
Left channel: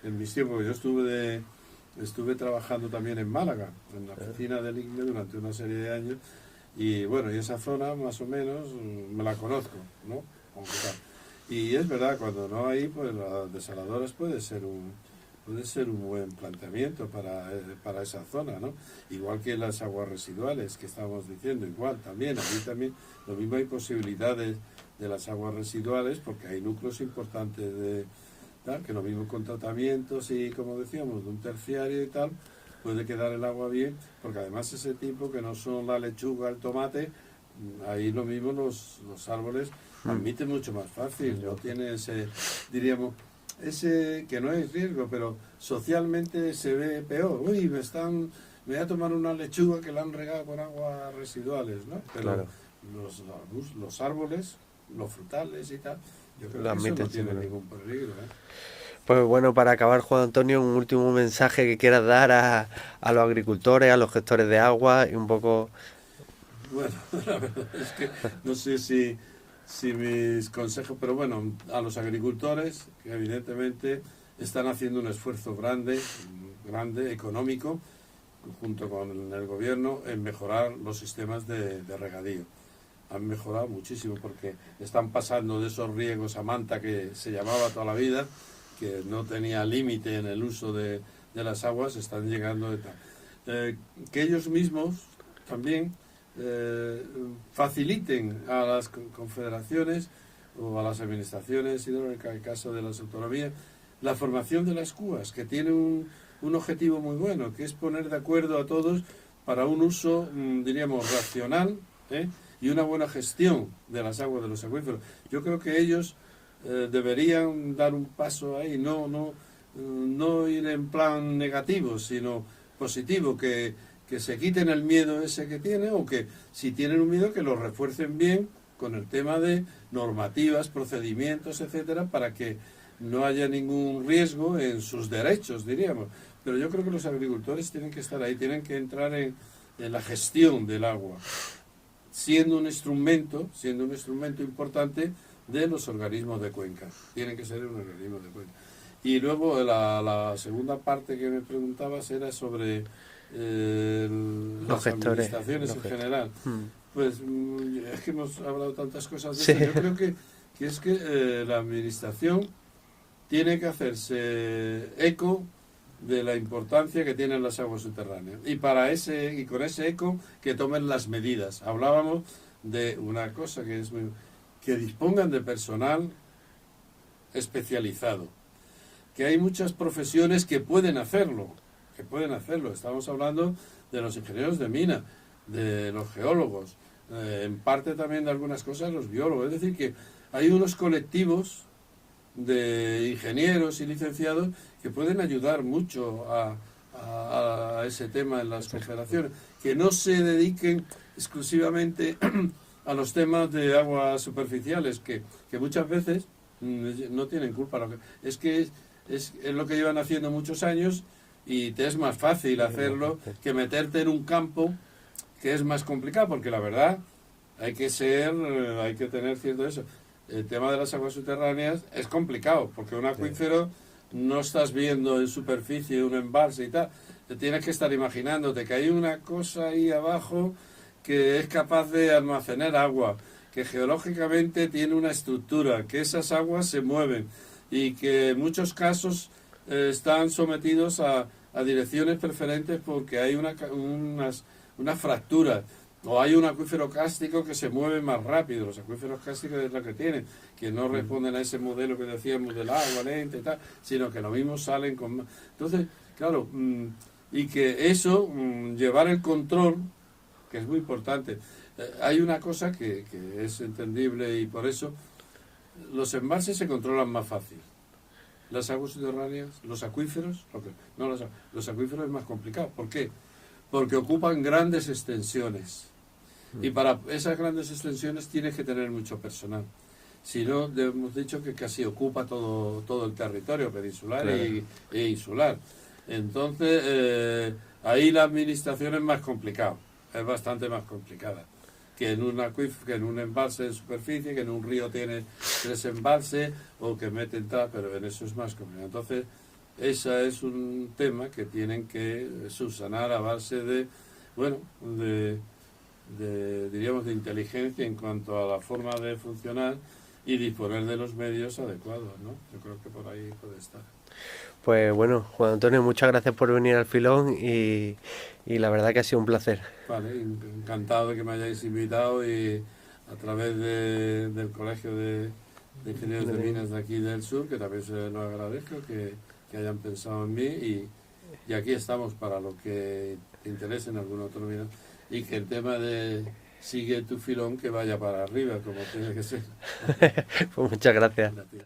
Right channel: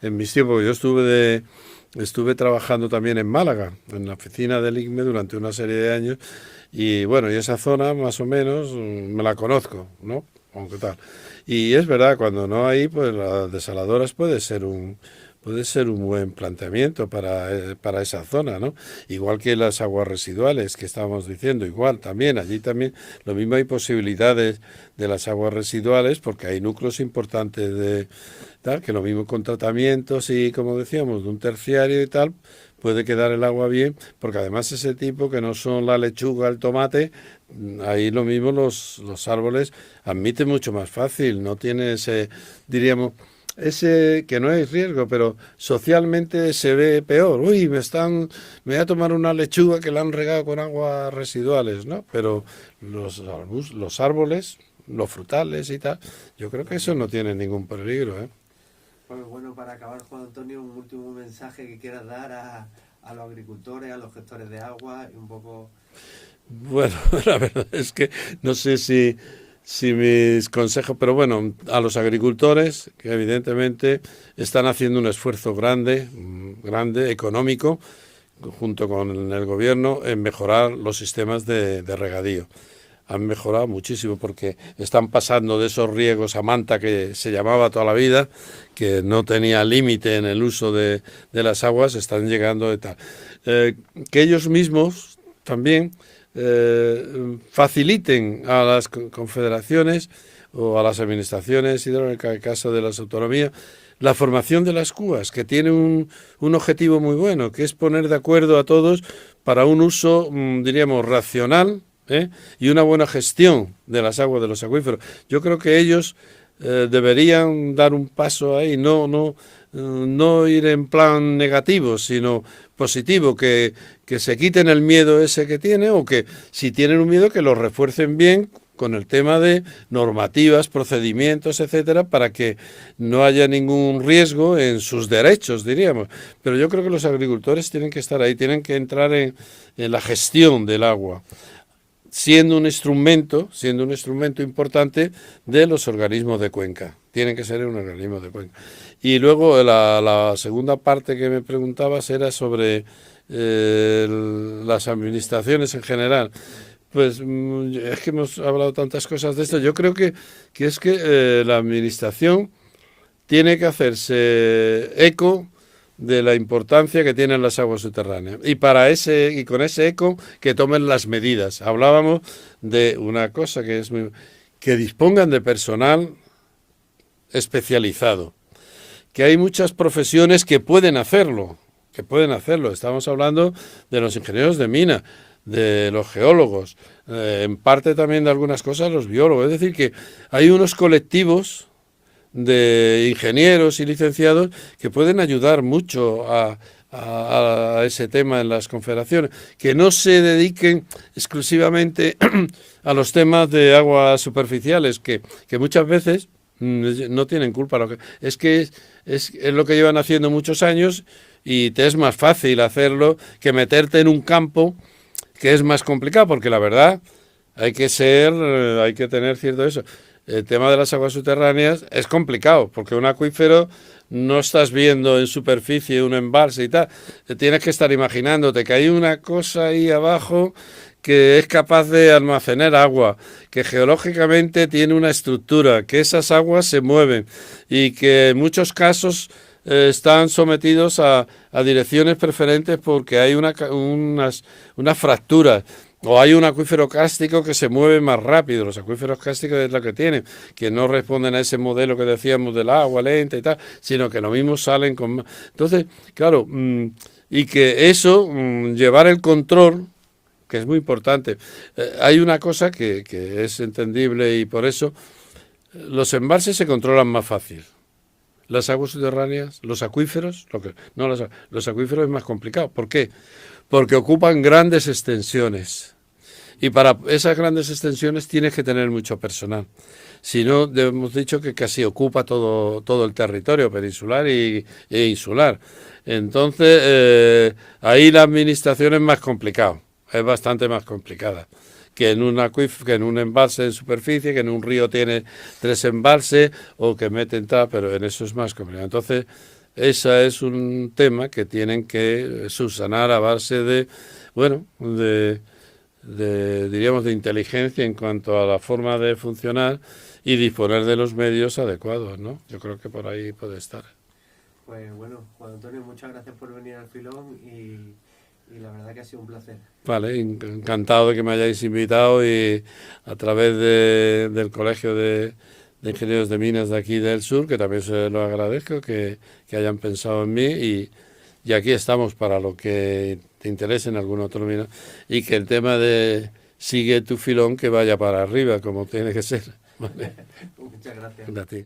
en mis tiempos, yo estuve trabajando también en Málaga, en la oficina del ICME durante una serie de años, y bueno, y esa zona más o menos me la conozco, ¿no? Aunque tal. Y es verdad, cuando no hay, pues las desaladoras puede ser un buen planteamiento para esa zona, ¿no? Igual que las aguas residuales que estábamos diciendo, allí también, lo mismo hay posibilidades de las aguas residuales porque hay núcleos importantes de tal, que lo mismo con tratamientos y como decíamos, de un terciario y tal, puede quedar el agua bien, porque además ese tipo que no son la lechuga, el tomate, ahí lo mismo los árboles admiten mucho más fácil, no tiene diríamos, ese que no hay riesgo, pero socialmente se ve peor. Uy, me voy a tomar una lechuga que la han regado con aguas residuales, ¿no? Pero claro, los árboles, los frutales y tal, yo creo que eso no tiene ningún peligro, ¿eh? Pues bueno, para acabar, Juan Antonio, un último mensaje que quieras dar a los agricultores, a los gestores de agua y un poco... Bueno, la verdad es que no sé si mis consejos, pero bueno, a los agricultores, que evidentemente están haciendo un esfuerzo grande, económico, junto con el gobierno, en mejorar los sistemas de regadío. han mejorado muchísimo porque están pasando de esos riegos a manta que se llamaba toda la vida, que no tenía límite en el uso de las aguas, están llegando de tal. Que ellos mismos también faciliten a las confederaciones o a las administraciones hidráulicas, en el caso de las autonomías, la formación de las cúas, que tiene un objetivo muy bueno, que es poner de acuerdo a todos para un uso, diríamos, racional, y una buena gestión de las aguas de los acuíferos. Yo creo que ellos deberían dar un paso ahí, no ir en plan negativo, sino positivo, que se quiten el miedo ese que tienen, o que si tienen un miedo que lo refuercen bien con el tema de normativas, procedimientos, etcétera, para que no haya ningún riesgo en sus derechos, diríamos. Pero yo creo que los agricultores tienen que estar ahí, tienen que entrar en la gestión del agua, siendo un instrumento importante de los organismos de cuenca. Tienen que ser un organismo de cuenca. Y luego la segunda parte que me preguntabas era sobre las administraciones en general. Pues es que hemos hablado tantas cosas de esto. Yo creo que es que la administración tiene que hacerse eco de la importancia que tienen las aguas subterráneas. Y con ese eco que tomen las medidas. Hablábamos de una cosa que dispongan de personal especializado. Que hay muchas profesiones que pueden hacerlo. Estamos hablando de los ingenieros de mina, de los geólogos, en parte también de algunas cosas los biólogos. Es decir, que hay unos colectivos de ingenieros y licenciados que pueden ayudar mucho a ese tema en las confederaciones, que no se dediquen exclusivamente a los temas de aguas superficiales, que muchas veces no tienen culpa. Es lo que llevan haciendo muchos años y te es más fácil hacerlo que meterte en un campo que es más complicado, porque la verdad hay que tener cierto eso. El tema de las aguas subterráneas es complicado, porque un acuífero no estás viendo en superficie un embalse y tal. Tienes que estar imaginándote que hay una cosa ahí abajo que es capaz de almacenar agua, que geológicamente tiene una estructura, que esas aguas se mueven y que en muchos casos están sometidos a direcciones preferentes porque hay unas fracturas. O hay un acuífero kárstico que se mueve más rápido. Los acuíferos kársticos es lo que tienen, que no responden a ese modelo que decíamos del agua lenta y tal, sino que lo mismo salen con... Entonces, claro, y que eso, llevar el control, que es muy importante. Hay una cosa que es entendible y por eso los embalses se controlan más fácil. Las aguas subterráneas, los acuíferos, los acuíferos es más complicado. ¿Por qué? Porque ocupan grandes extensiones. Y para esas grandes extensiones tienes que tener mucho personal. Si no, hemos dicho que casi ocupa todo el territorio peninsular e insular. Entonces, ahí la administración es más complicado, es bastante más complicada que en un embalse en superficie, que en un río tiene 3 embalses o que meten tal, pero en eso es más complicado. Entonces, ese es un tema que tienen que subsanar a base diríamos, de inteligencia en cuanto a la forma de funcionar y disponer de los medios adecuados, ¿no? Yo creo que por ahí puede estar. Pues bueno, Juan Antonio, muchas gracias por venir al Filón y la verdad que ha sido un placer. Vale, encantado de que me hayáis invitado y a través del Colegio de Ingenieros de Minas de aquí del sur, que también se lo agradezco, que hayan pensado en mí y aquí estamos para lo que te interese en algún otro mina y que el tema de sigue tu filón que vaya para arriba como tiene que ser. ¿Vale? Pues muchas gracias. A ti.